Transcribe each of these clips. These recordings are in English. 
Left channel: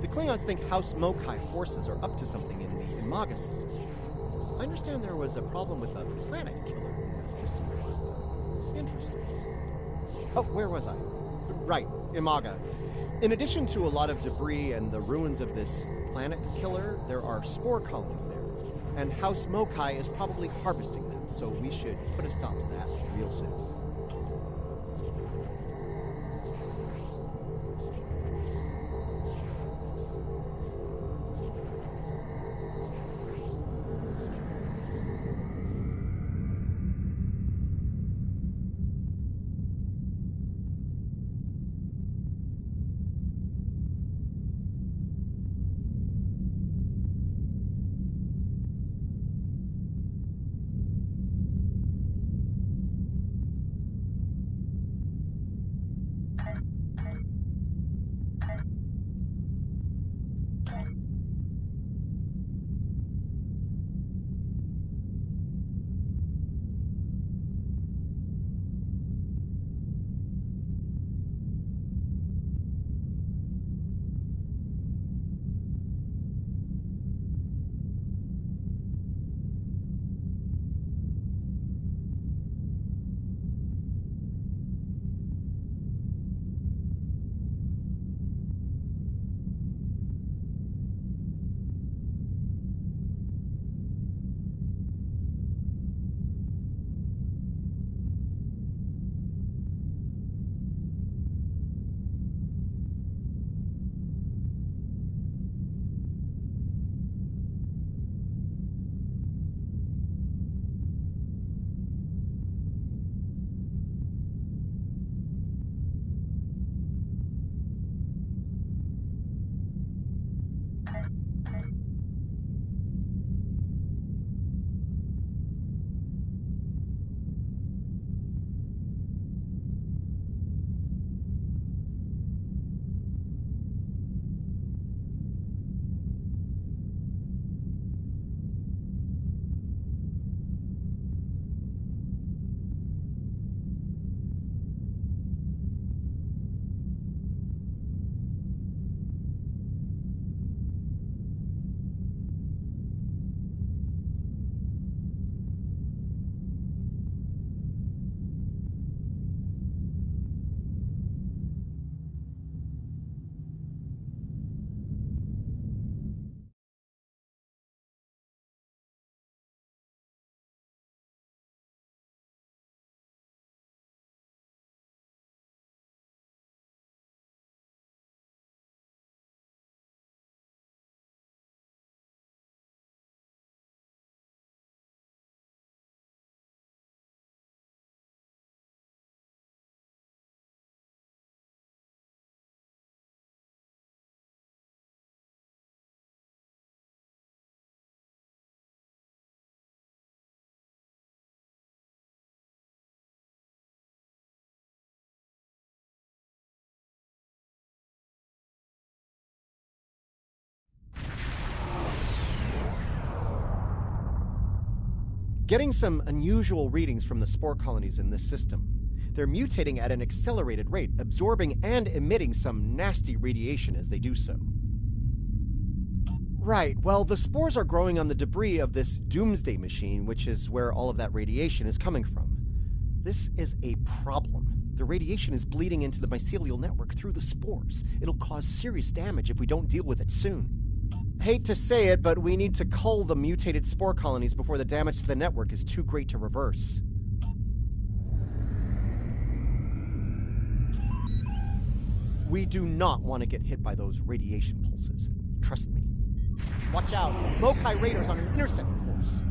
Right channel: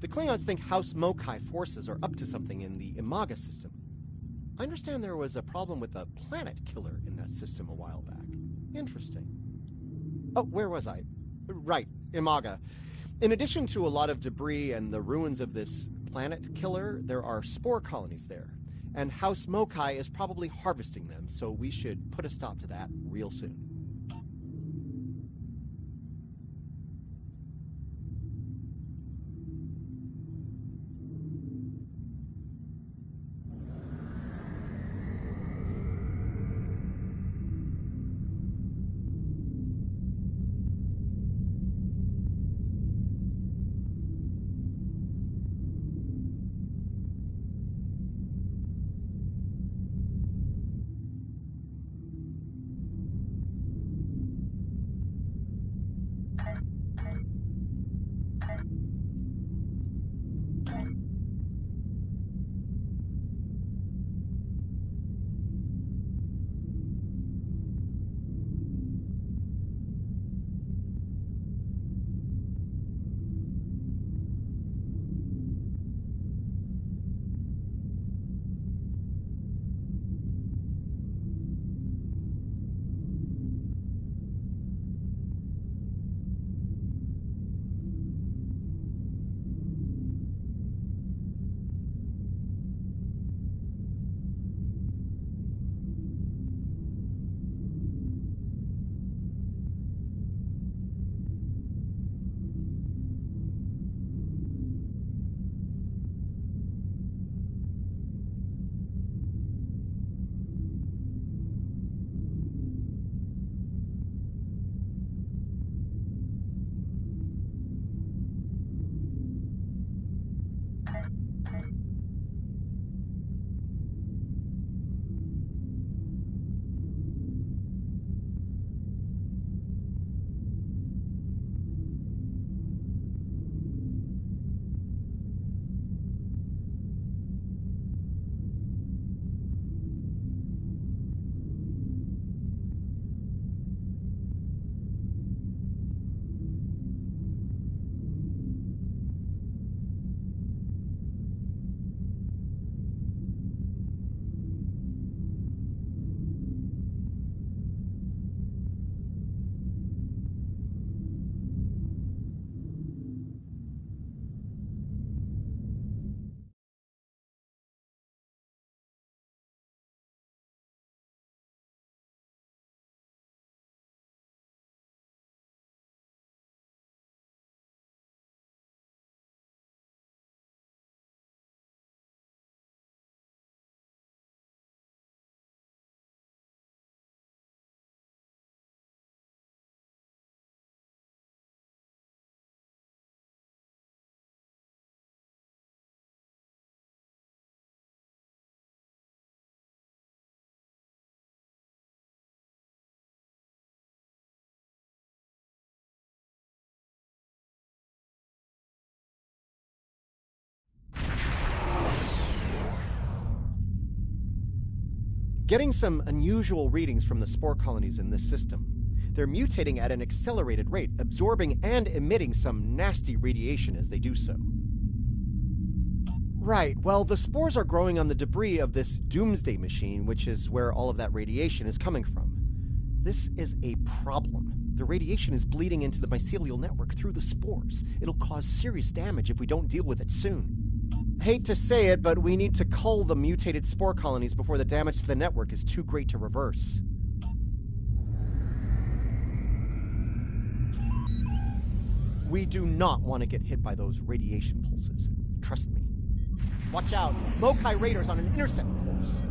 The Klingons think House Mokai forces are up to something in the Imaga system. I understand there was a problem with a planet killer in that system a while back. Interesting. Oh, where was I? Right, Imaga. In addition to a lot of debris and the ruins of this planet killer, there are spore colonies there. And House Mokai is probably harvesting them, so we should put a stop to that real soon. Getting some unusual readings from the spore colonies in this system. They're mutating at an accelerated rate, absorbing and emitting some nasty radiation as they do so. Right, well, the spores are growing on the debris of this doomsday machine, which is where all of that radiation is coming from. This is a problem. The radiation is bleeding into the mycelial network through the spores. It'll cause serious damage if we don't deal with it soon. Hate to say it, but we need to cull the mutated spore colonies before the damage to the network is too great to reverse. We do not want to get hit by those radiation pulses. Trust me. Watch out. Mokai Raiders on an intercept course.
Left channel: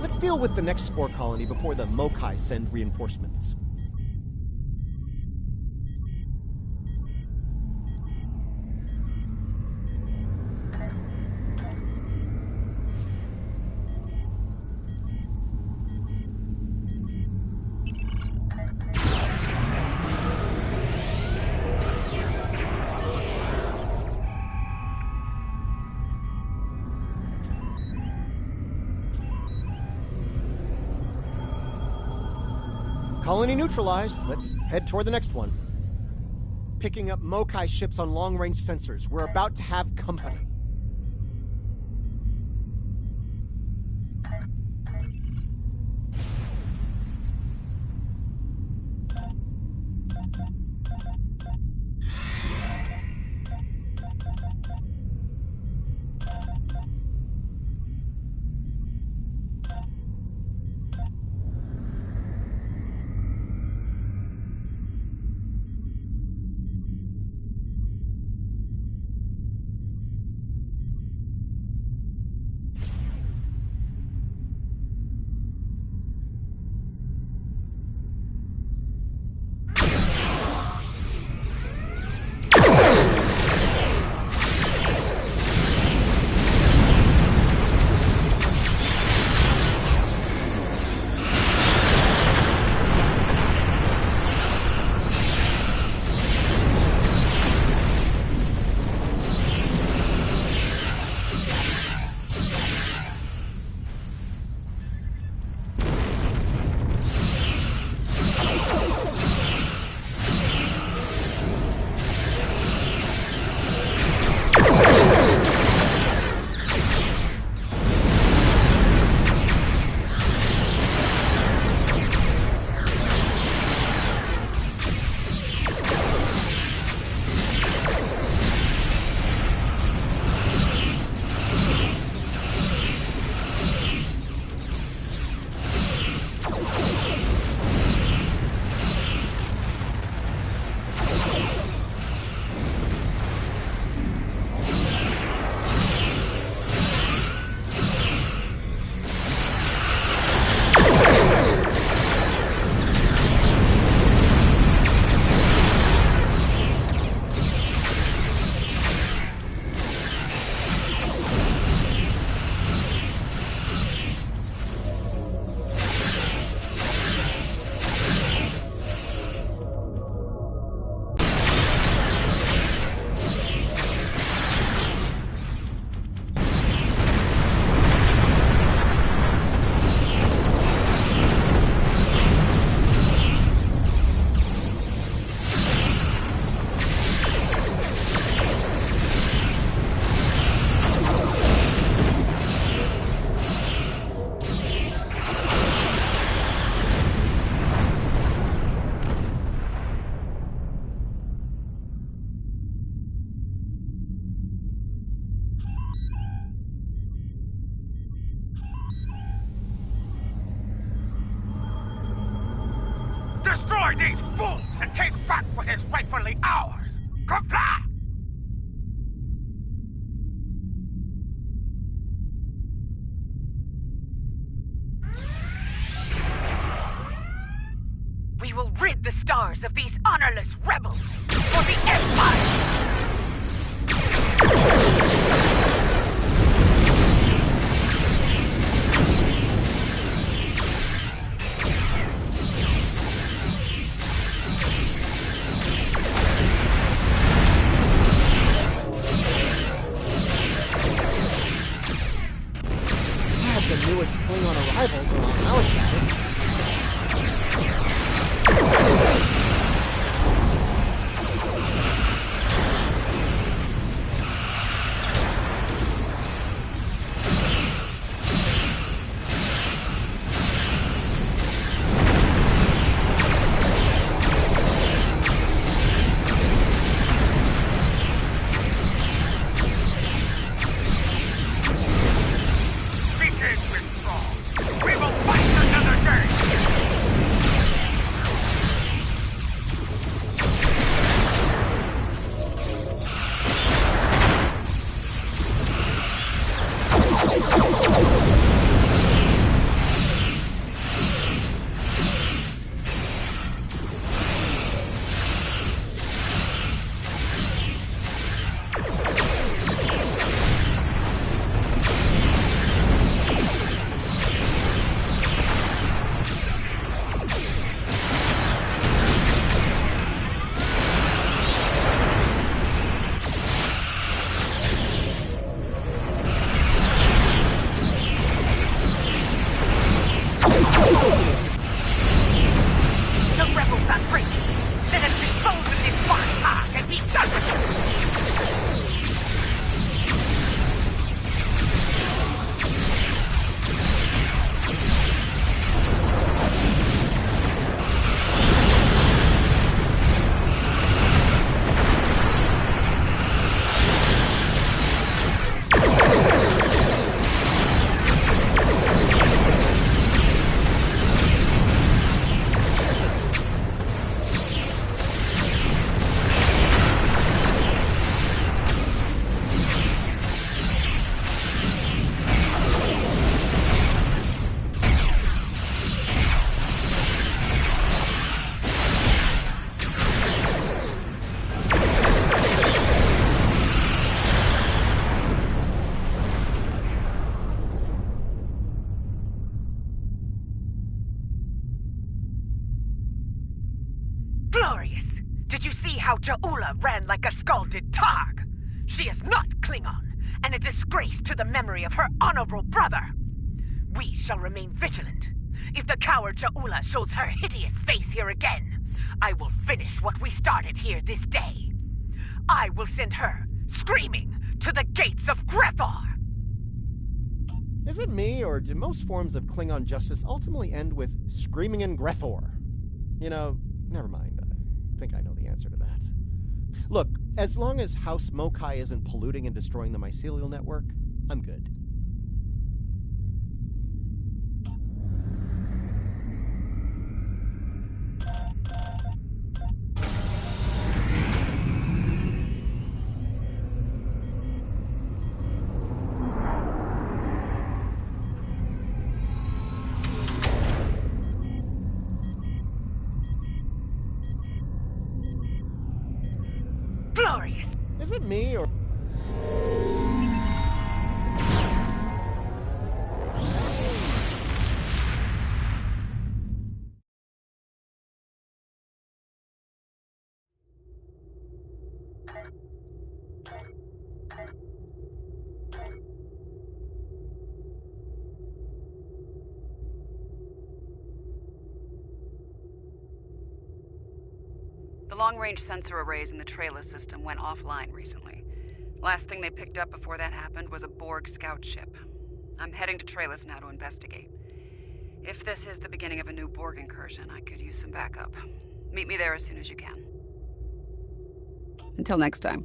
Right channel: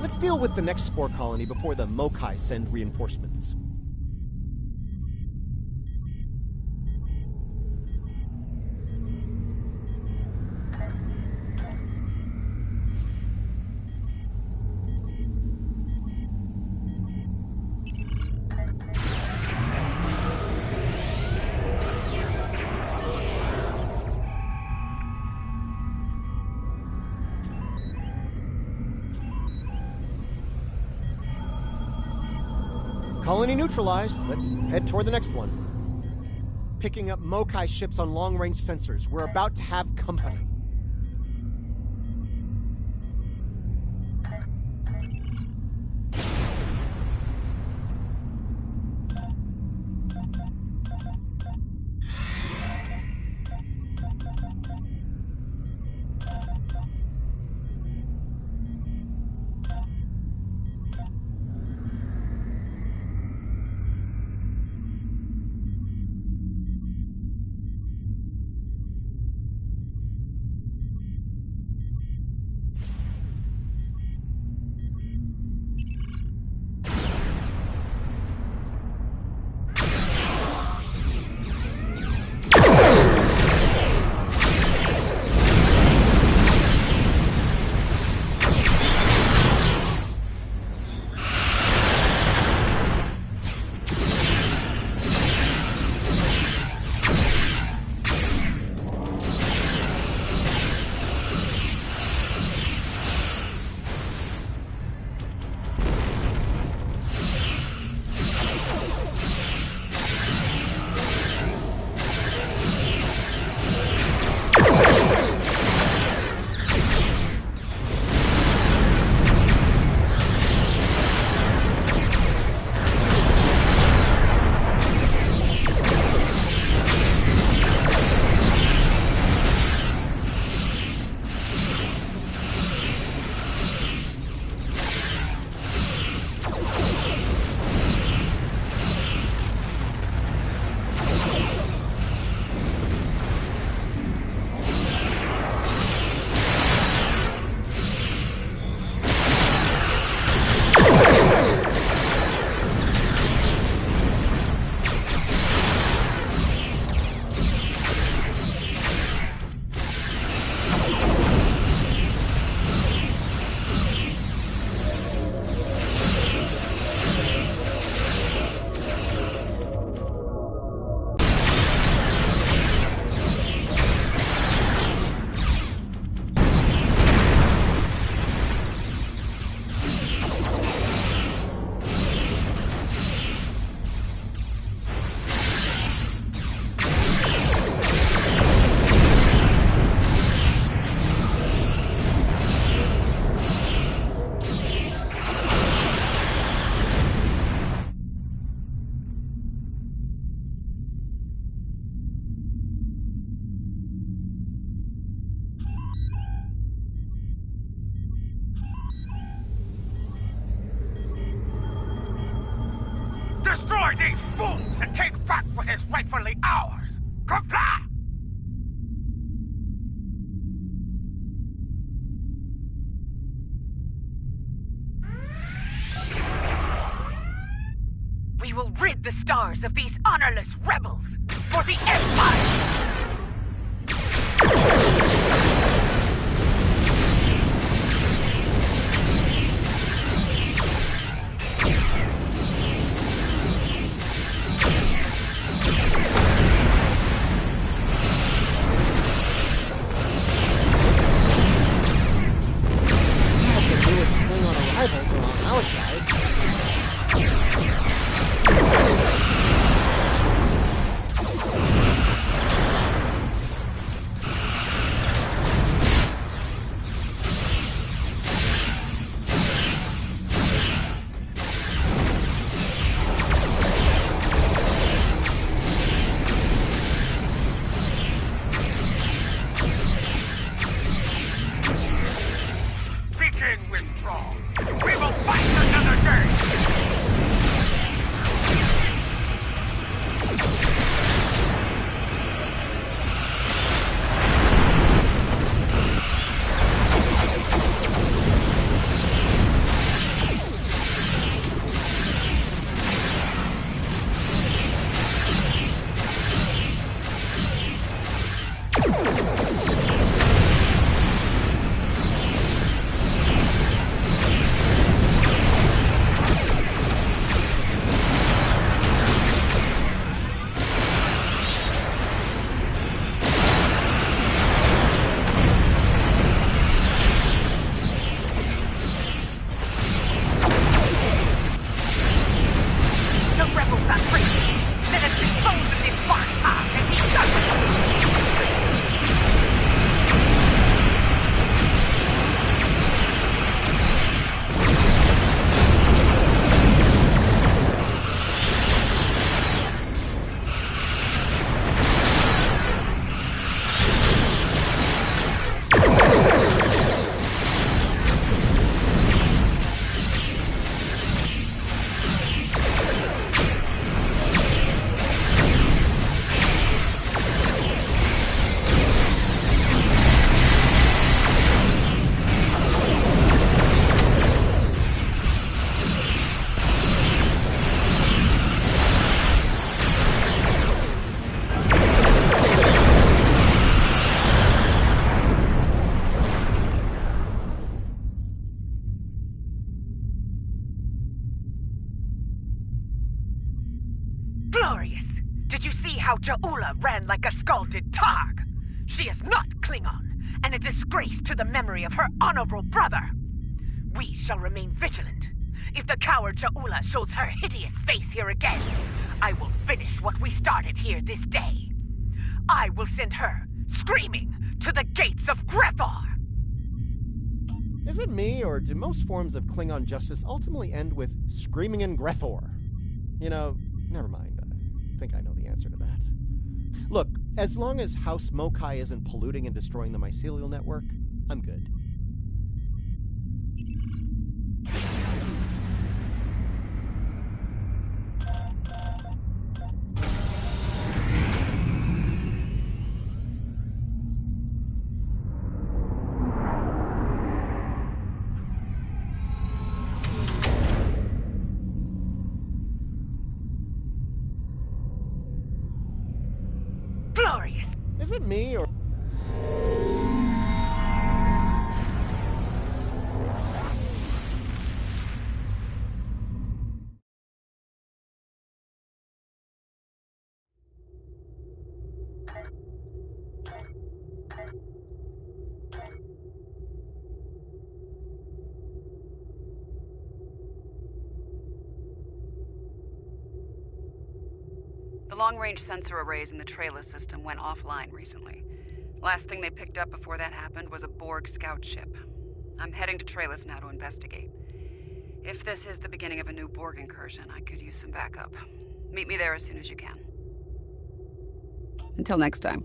Let's deal with the next spore colony before the Mokai send reinforcements. Colony neutralized. Let's head toward the next one. Picking up Mokai ships on long-range sensors. We're about to have company. Destroy these fools and take back what is rightfully ours! Comply! We will rid the stars of these honorless rebels for the Empire! The newest Klingon arrivals are on our side. how Ja'ula ran like a scalded Targ. She is not Klingon, and a disgrace to the memory of her honorable brother. We shall remain vigilant. If the coward Ja'ula shows her hideous face here again, I will finish what we started here this day. I will send her, screaming, to the gates of Grethor! Is it me, or do most forms of Klingon justice ultimately end with screaming in Grethor? You know, never mind. I think I know the answer to that. Look, as long as House Mokai isn't polluting and destroying the mycelial network, I'm good. Glorious! Is it me, or... The long-range sensor arrays in the Trela system went offline recently. Last thing they picked up before that happened was a Borg scout ship. I'm heading to Trellis now to investigate. If this is the beginning of a new Borg incursion, I could use some backup. Meet me there as soon as you can. Until next time.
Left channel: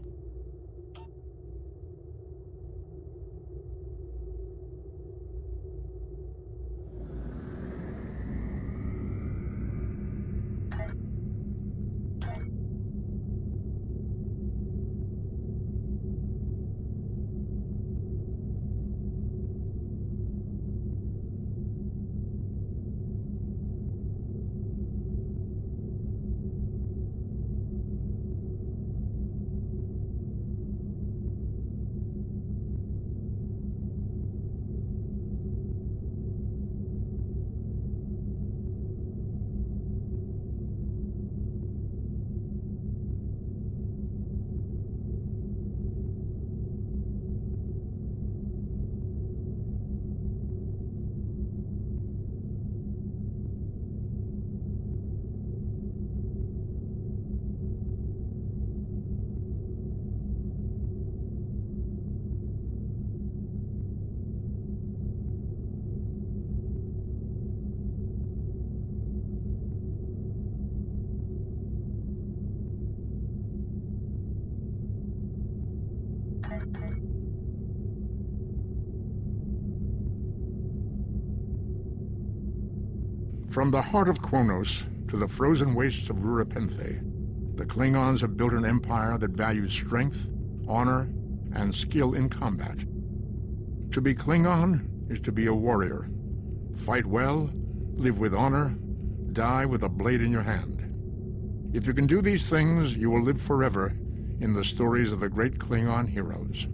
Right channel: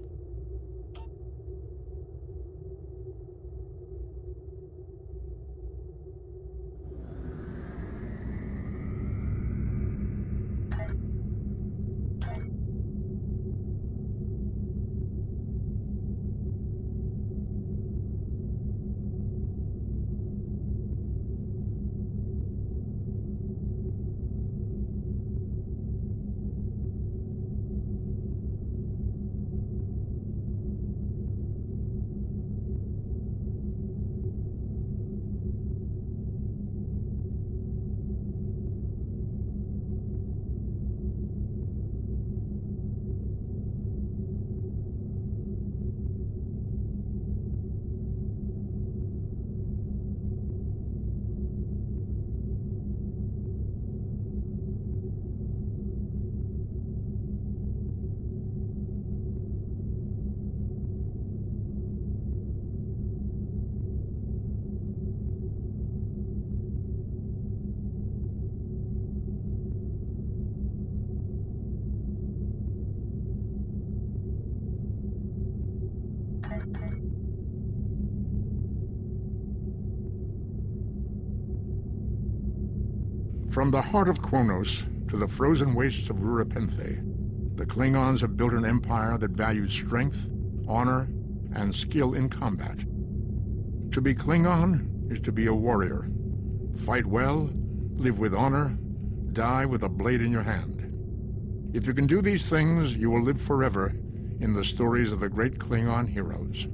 From the heart of Kronos to the frozen wastes of Rurapenthe, the Klingons have built an empire that values strength, honor, and skill in combat. To be Klingon is to be a warrior. Fight well, live with honor, die with a blade in your hand. If you can do these things, you will live forever in the stories of the great Klingon heroes.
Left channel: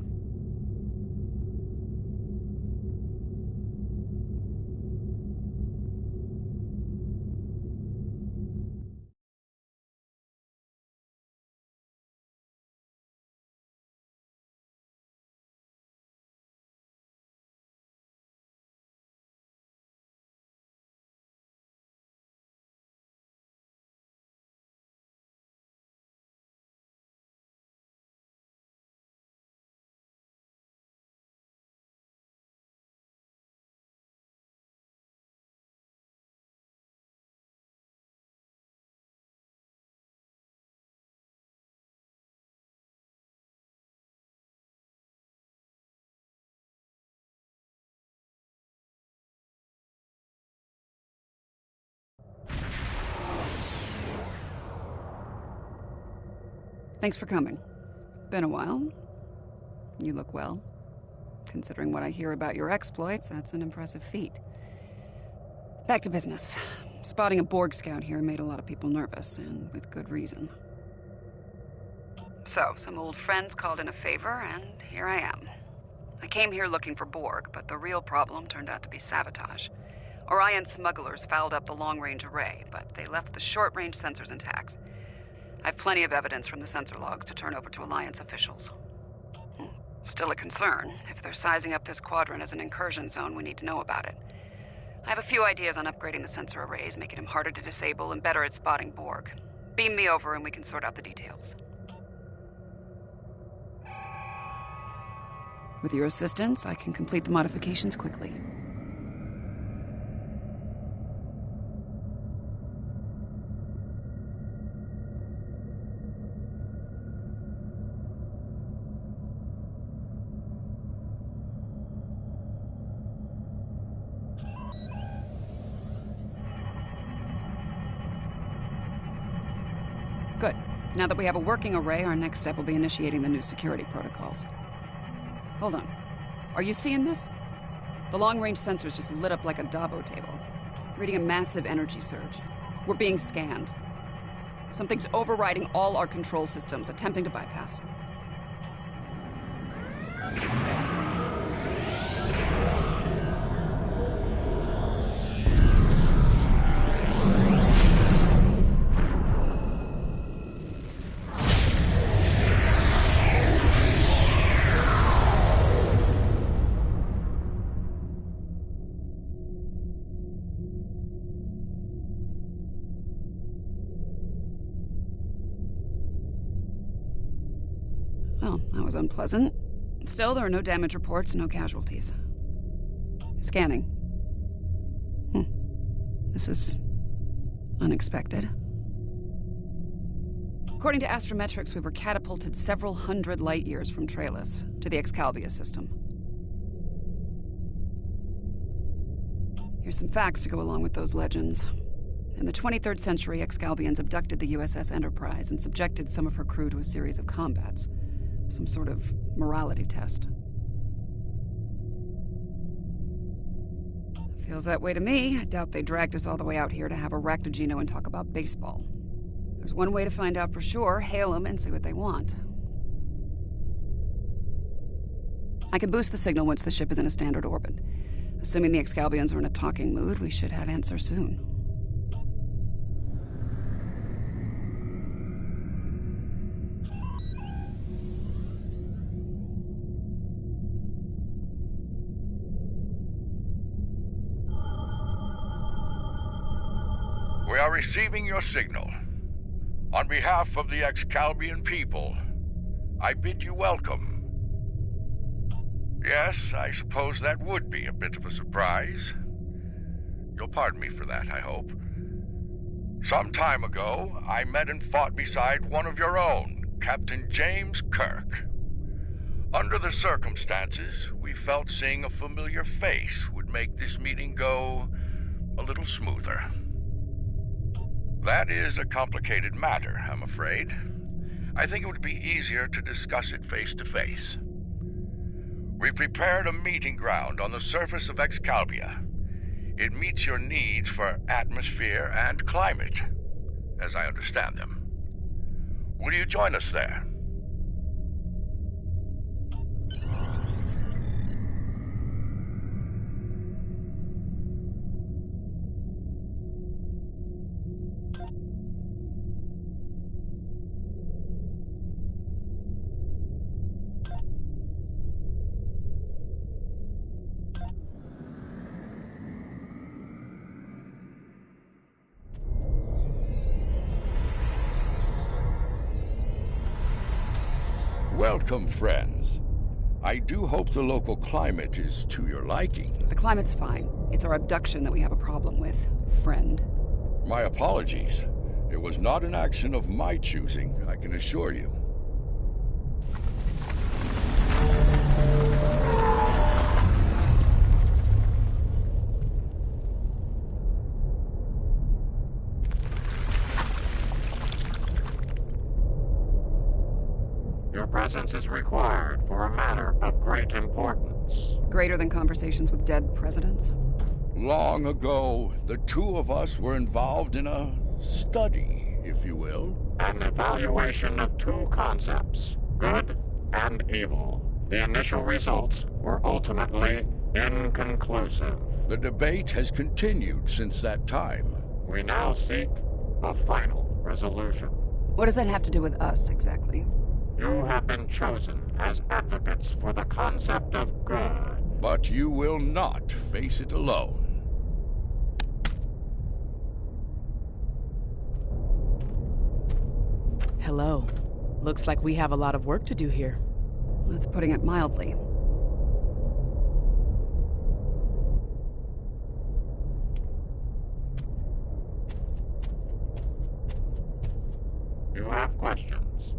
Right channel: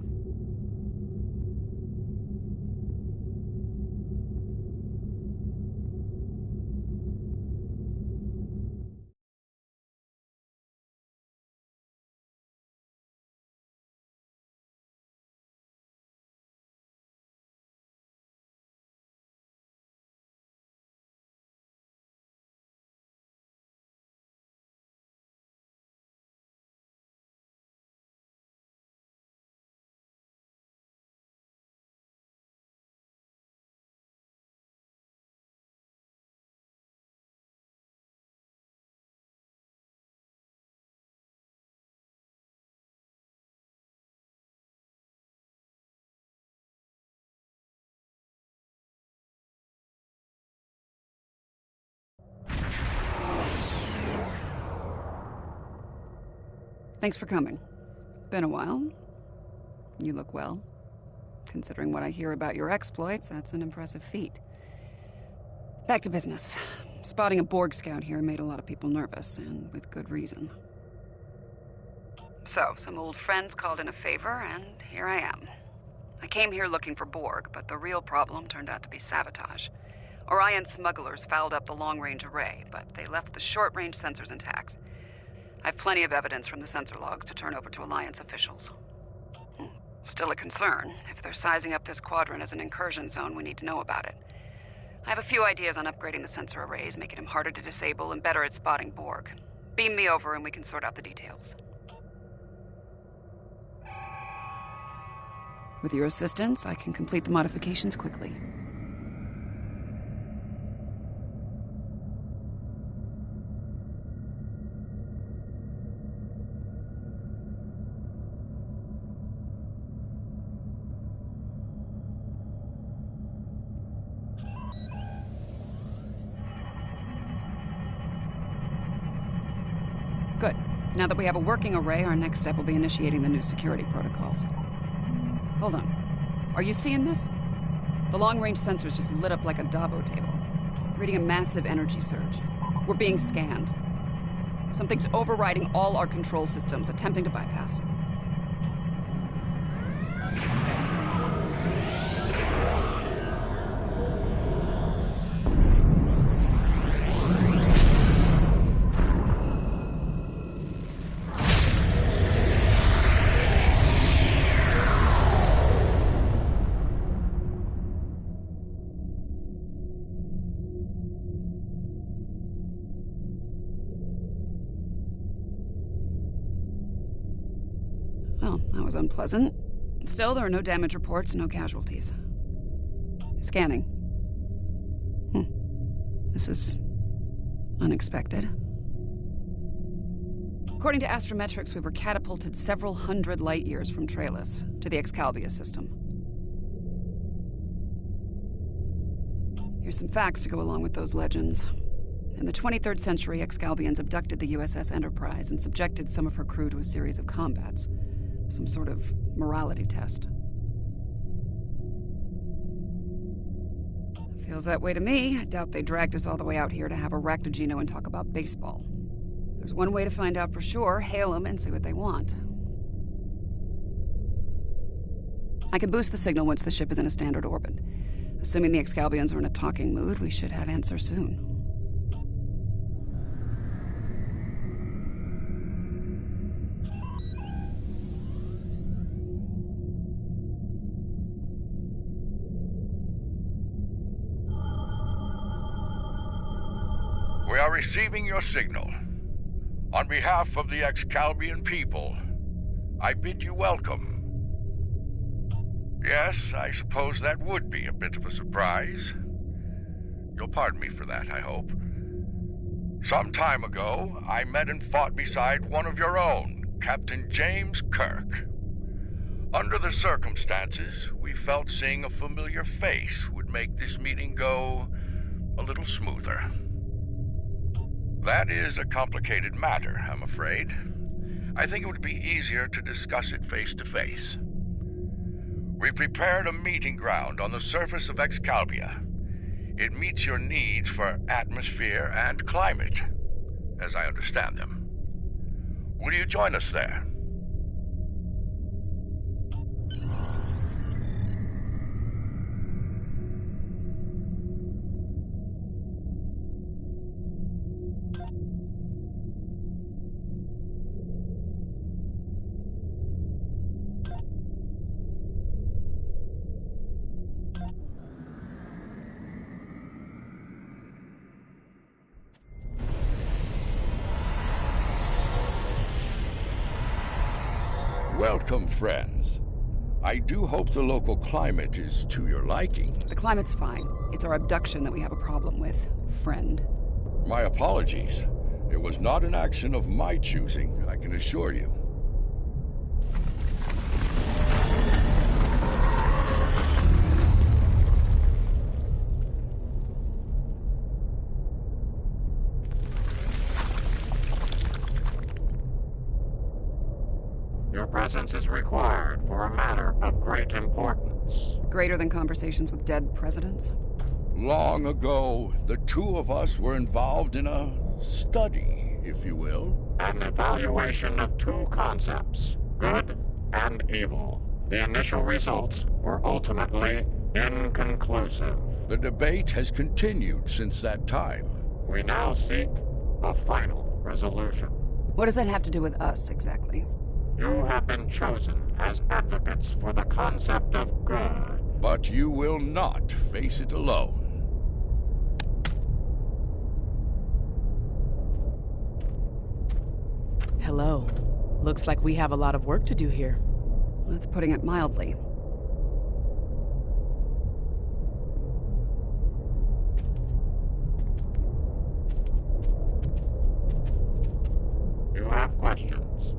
Thanks for coming. Been a while. You look well. Considering what I hear about your exploits, that's an impressive feat. Back to business. Spotting a Borg scout here made a lot of people nervous, and with good reason. So, some old friends called in a favor, and here I am. I came here looking for Borg, but the real problem turned out to be sabotage. Orion smugglers fouled up the long-range array, but they left the short-range sensors intact. I have plenty of evidence from the sensor logs to turn over to Alliance officials. Still a concern. If they're sizing up this quadrant as an incursion zone, we need to know about it. I have a few ideas on upgrading the sensor arrays, making them harder to disable and better at spotting Borg. Beam me over and we can sort out the details. With your assistance, I can complete the modifications quickly. Good. Now that we have a working array, our next step will be initiating the new security protocols. Hold on. Are you seeing this? The long-range sensors just lit up like a Dabo table, reading a massive energy surge. We're being scanned. Something's overriding all our control systems, attempting to bypass. Well, that was unpleasant. Still, there are no damage reports, no casualties. Scanning. This is unexpected. According to Astrometrics, we were catapulted several hundred light years from Traylus to the Excalibia system. Here's some facts to go along with those legends. In the 23rd century, Excalbians abducted the USS Enterprise and subjected some of her crew to a series of combats. Some sort of morality test. Feels that way to me. I doubt they dragged us all the way out here to have a Raktajino and talk about baseball. There's one way to find out for sure. Hail them and see what they want. I can boost the signal once the ship is in a standard orbit. Assuming the Excalbians are in a talking mood, we should have answers soon. We are receiving your signal. On behalf of the Excalbian people, I bid you welcome. Yes, I suppose that would be a bit of a surprise. You'll pardon me for that, I hope. Some time ago, I met and fought beside one of your own, Captain James Kirk. Under the circumstances, we felt seeing a familiar face would make this meeting go a little smoother. That is a complicated matter, I'm afraid. I think it would be easier to discuss it face to face. We prepared a meeting ground on the surface of Excalibia. It meets your needs for atmosphere and climate, as I understand them. Will you join us there? Welcome, friends. I do hope the local climate is to your liking. The climate's fine. It's our abduction that we have a problem with, friend. My apologies. It was not an action of my choosing, I can assure you. Your presence is required for a matter of great importance. Greater than conversations with dead presidents? Long ago, the two of us were involved in a study, if you will. An evaluation of two concepts, good and evil. The initial results were ultimately inconclusive. The debate has continued since that time. We now seek a final resolution. What does that have to do with us, exactly? You have been chosen as advocates for the concept of good. But you will not face it alone. Hello. Looks like we have a lot of work to do here. That's putting it mildly. You have questions.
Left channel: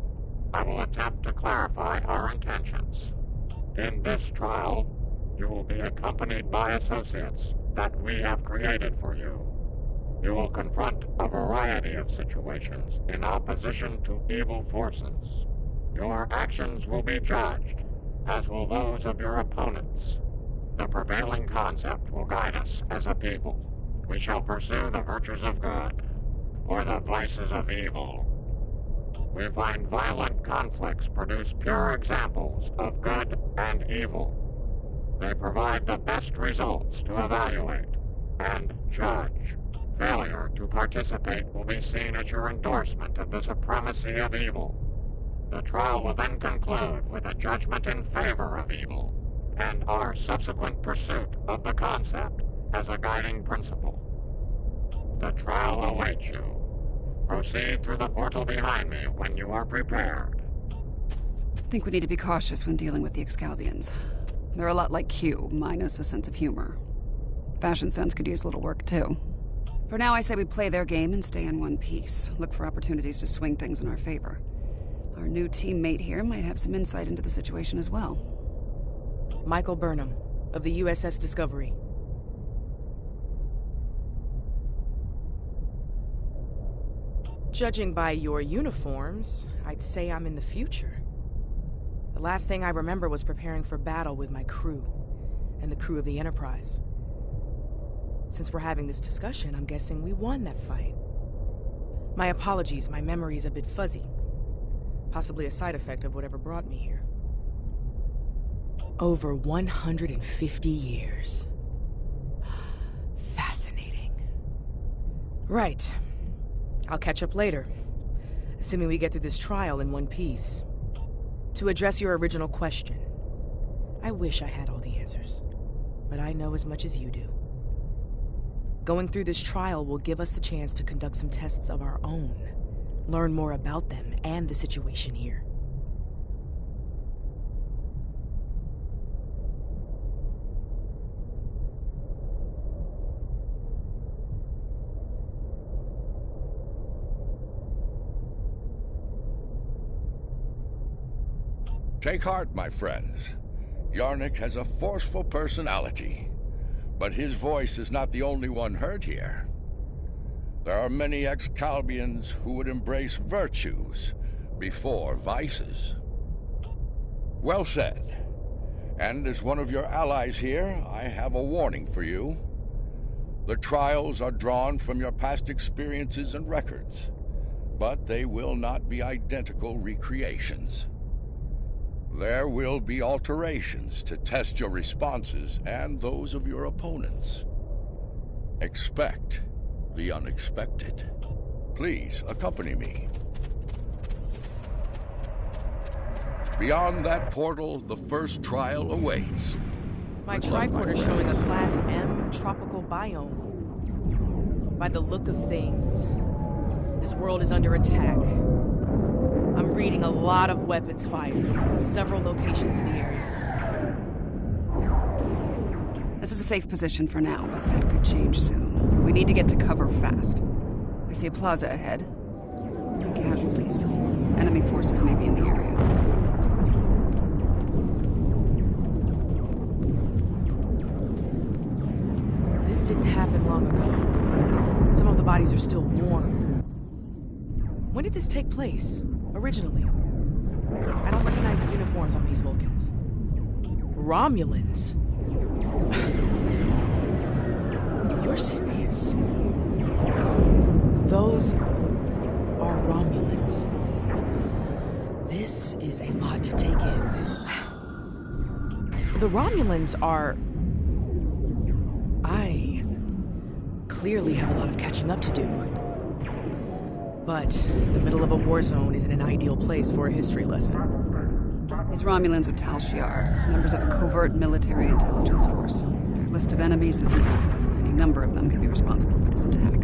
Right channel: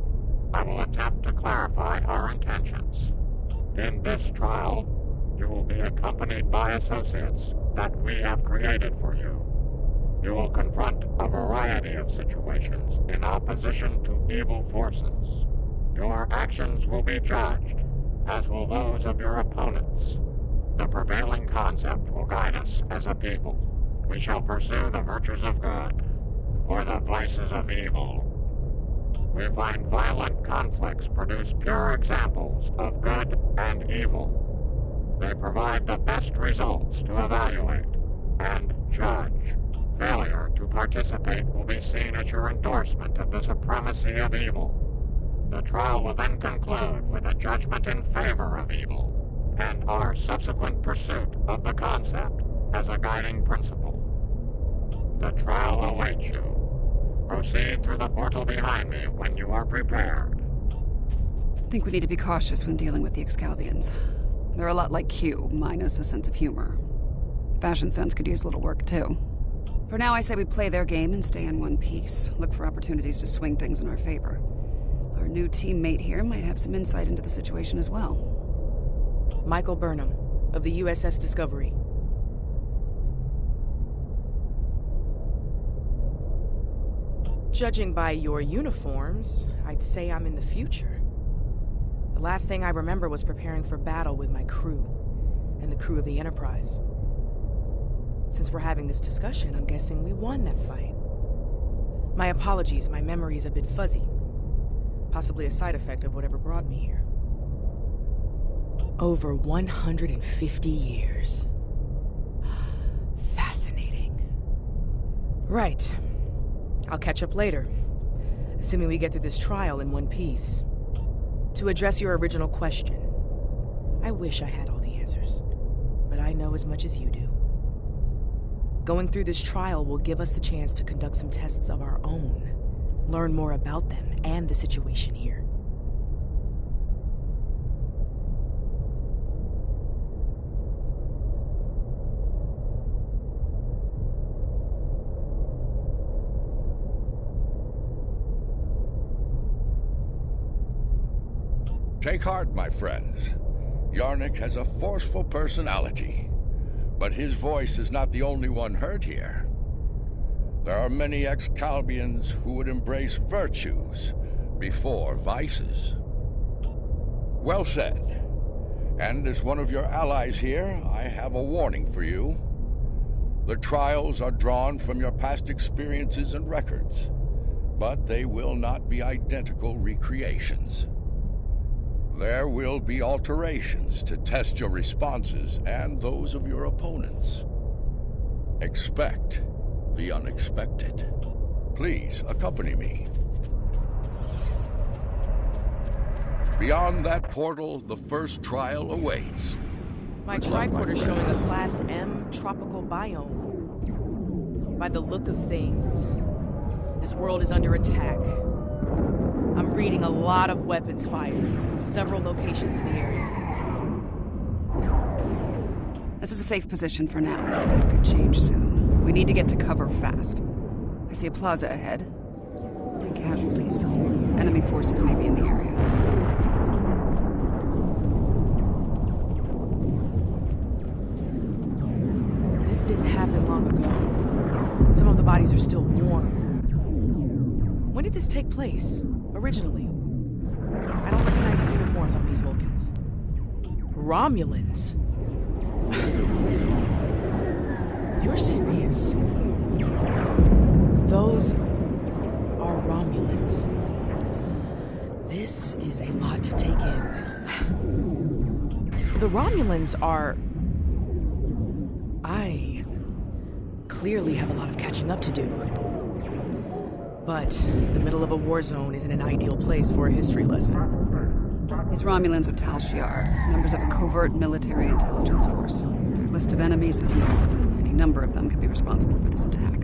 I will attempt to clarify our intentions. In this trial, you will be accompanied by associates that we have created for you. You will confront a variety of situations in opposition to evil forces. Your actions will be judged, as will those of your opponents. The prevailing concept will guide us as a people. We shall pursue the virtues of good, or the vices of evil. We find violent conflicts produce pure examples of good and evil. They provide the best results to evaluate and judge. Failure to participate will be seen as your endorsement of the supremacy of evil. The trial will then conclude with a judgment in favor of evil, and our subsequent pursuit of the concept as a guiding principle. The trial awaits you. Proceed through the portal behind me when you are prepared. I think we need to be cautious when dealing with the Excalbians. They're a lot like Q, minus a sense of humor. Fashion sense could use a little work, too. For now, I say we play their game and stay in one piece. Look for opportunities to swing things in our favor. Our new teammate here might have some insight into the situation as well. Michael Burnham, of the USS Discovery. Judging by your uniforms, I'd say I'm in the future. The last thing I remember was preparing for battle with my crew, and the crew of the Enterprise. Since we're having this discussion, I'm guessing we won that fight. My apologies, my memory's a bit fuzzy. Possibly a side effect of whatever brought me here. Over 150 years. Fascinating. Right. I'll catch up later, assuming we get through this trial in one piece. To address your original question, I wish I had all the answers, but I know as much as you do. Going through this trial will give us the chance to conduct some tests of our own, learn more about them and the situation here. Take heart, my friends. Yarnik has a forceful personality, but his voice is not the only one heard here. There are many Excalbians who would embrace virtues before vices. Well said. And as one of your allies here, I have a warning for you. The trials are drawn from your past experiences and records, but they will not be identical recreations. There will be alterations to test your responses and those of your opponents. Expect the unexpected. Please accompany me. Beyond that portal, the first trial awaits. My tricorder's showing a Class M tropical biome. By the look of things, this world is under attack. I'm reading a lot of weapons fired from several locations in the area. This is a safe position for now, but that could change soon. We need to get to cover fast. I see a plaza ahead. And casualties. Enemy forces may be in the area. This didn't happen long ago. Some of the bodies are still warm. When did this take place? Originally. I don't recognize the uniforms on these Vulcans. Romulans? You're serious? Those are Romulans. This is a lot to take in. The Romulans are... I clearly have a lot of catching up to do. But the middle of a war zone isn't an ideal place for a history lesson. These Romulans are Tal Shiar, members of a covert military intelligence force. Their list of enemies is long. Any number of them could be responsible for this attack.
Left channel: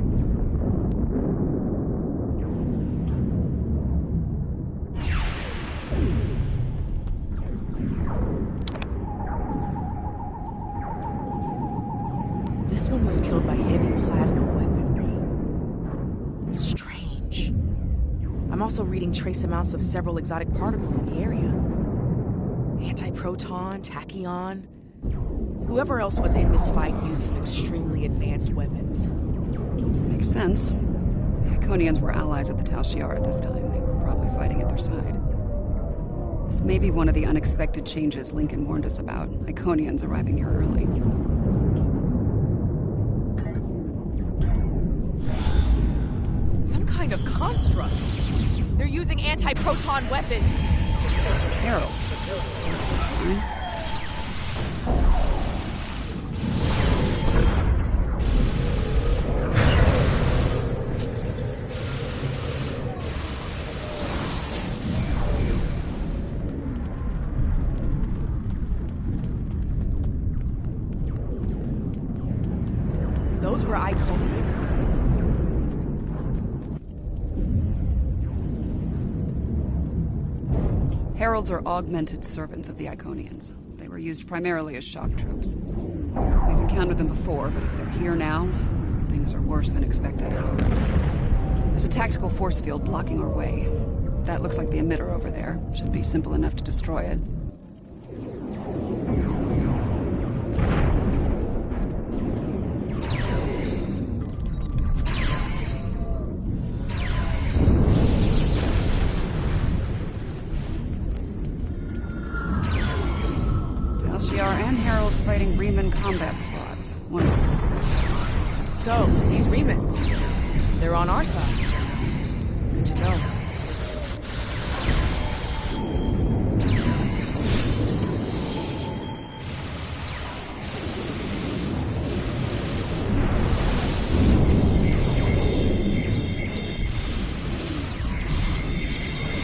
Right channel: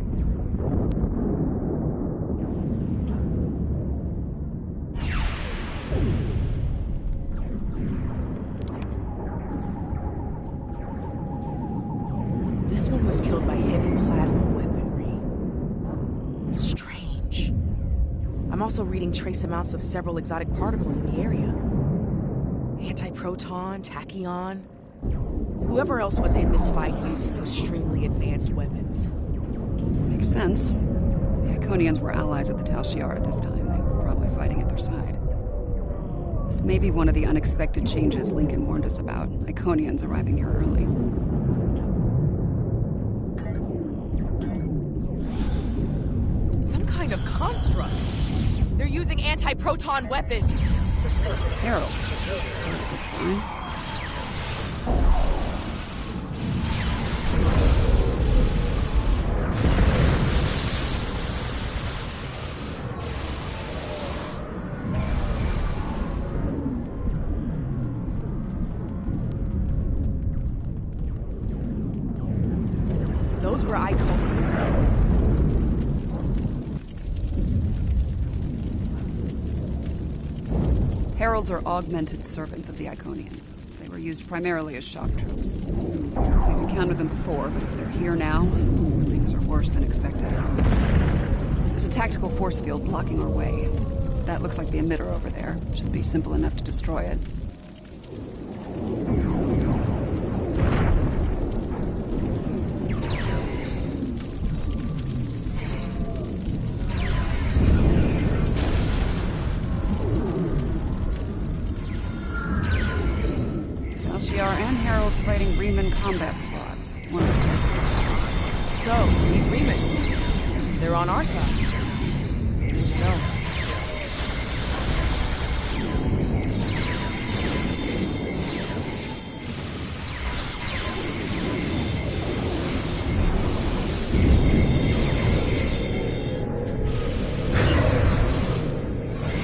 This one was killed by heavy plasma weaponry. Strange. I'm also reading trace amounts of several exotic particles in the area. Antiproton, tachyon. Whoever else was in this fight used some extremely advanced weapons. Makes sense. The Iconians were allies of the Tal Shiar at this time. They were probably fighting at their side. This may be one of the unexpected changes Lincoln warned us about. Iconians arriving here early. Some kind of constructs. They're using anti-proton weapons. Heralds. Good sign. Those were Iconians. Heralds are augmented servants of the Iconians. They were used primarily as shock troops. We've encountered them before, but if they're here now, things are worse than expected. There's a tactical force field blocking our way. That looks like the emitter over there. Should be simple enough to destroy it. And Heralds fighting Reman combat squads. Wonderful. So, these Remans, they're on our side. Good to know.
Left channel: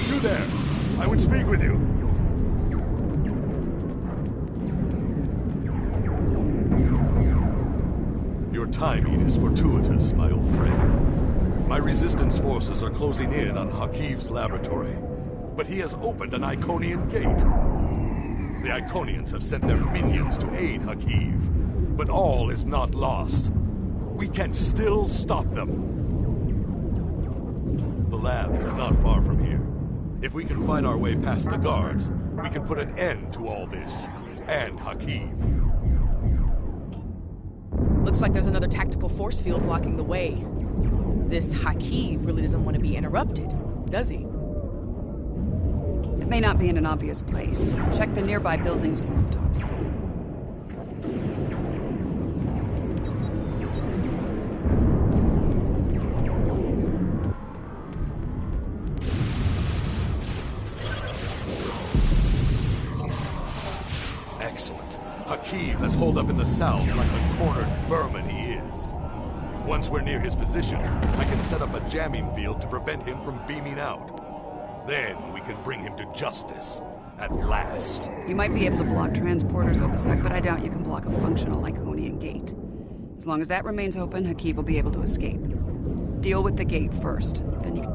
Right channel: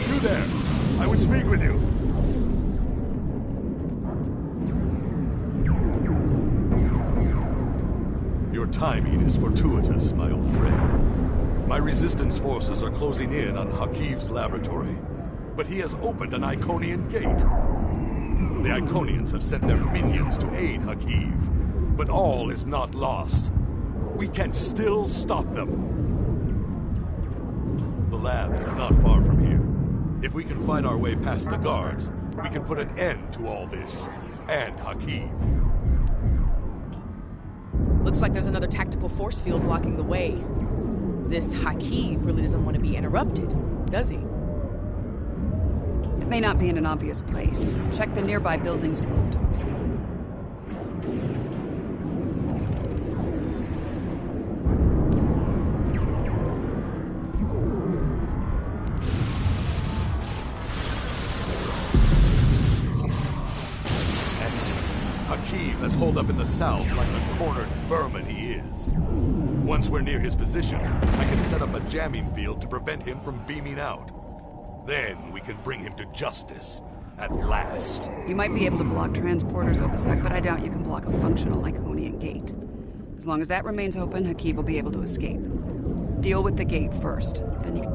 You there! I would speak with you. Your timing is fortuitous, my old friend. My resistance forces are closing in on Hakiv's laboratory, but he has opened an Iconian gate. The Iconians have sent their minions to aid Hakiv, but all is not lost. We can still stop them. The lab is not far from here. If we can fight our way past the guards, we can put an end to all this, and Hakiv. Looks like there's another tactical force field blocking the way. This Hakiv really doesn't want to be interrupted, does he? It may not be in an obvious place. Check the nearby buildings and rooftops. Excellent. Hakiv has holed up in the south like the cornered vermin he is. Once we're near his position, I can set up a jamming field to prevent him from beaming out. Then we can bring him to justice, at last. You might be able to block transporters, Obisek, but I doubt you can block a functional Iconian gate. As long as that remains open, Hakiv will be able to escape. Deal with the gate first, then you can...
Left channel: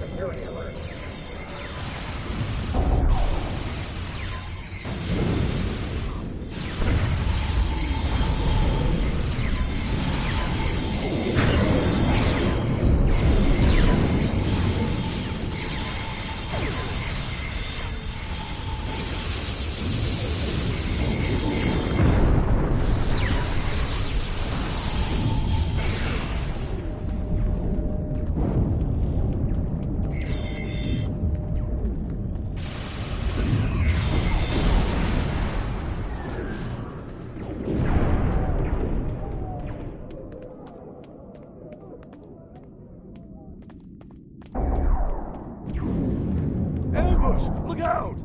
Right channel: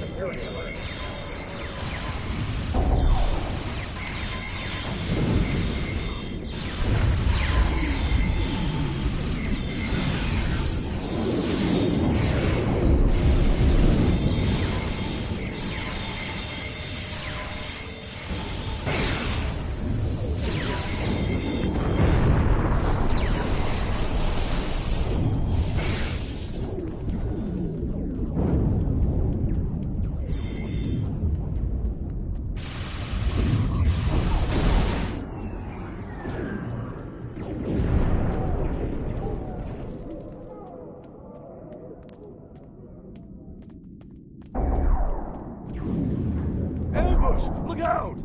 Security alert. Ambush! Look out!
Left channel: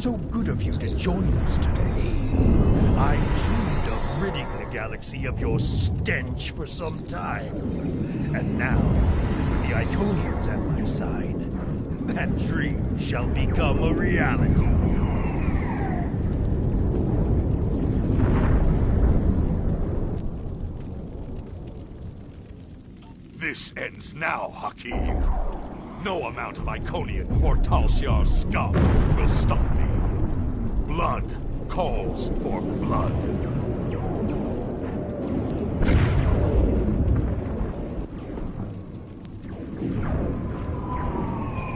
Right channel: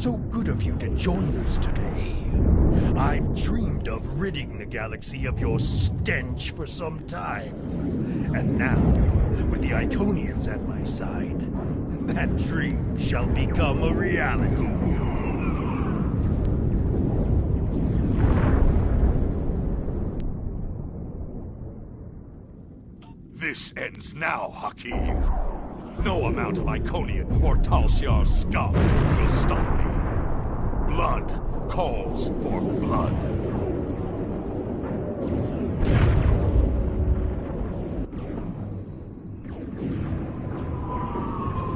So good of you to join us today. I've dreamed of ridding the galaxy of your stench for some time. And now, with the Iconians at my side, that dream shall become a reality. This ends now, Hakiv. No amount of Iconian or Tal Shiar scum will stop me. Blood calls for blood.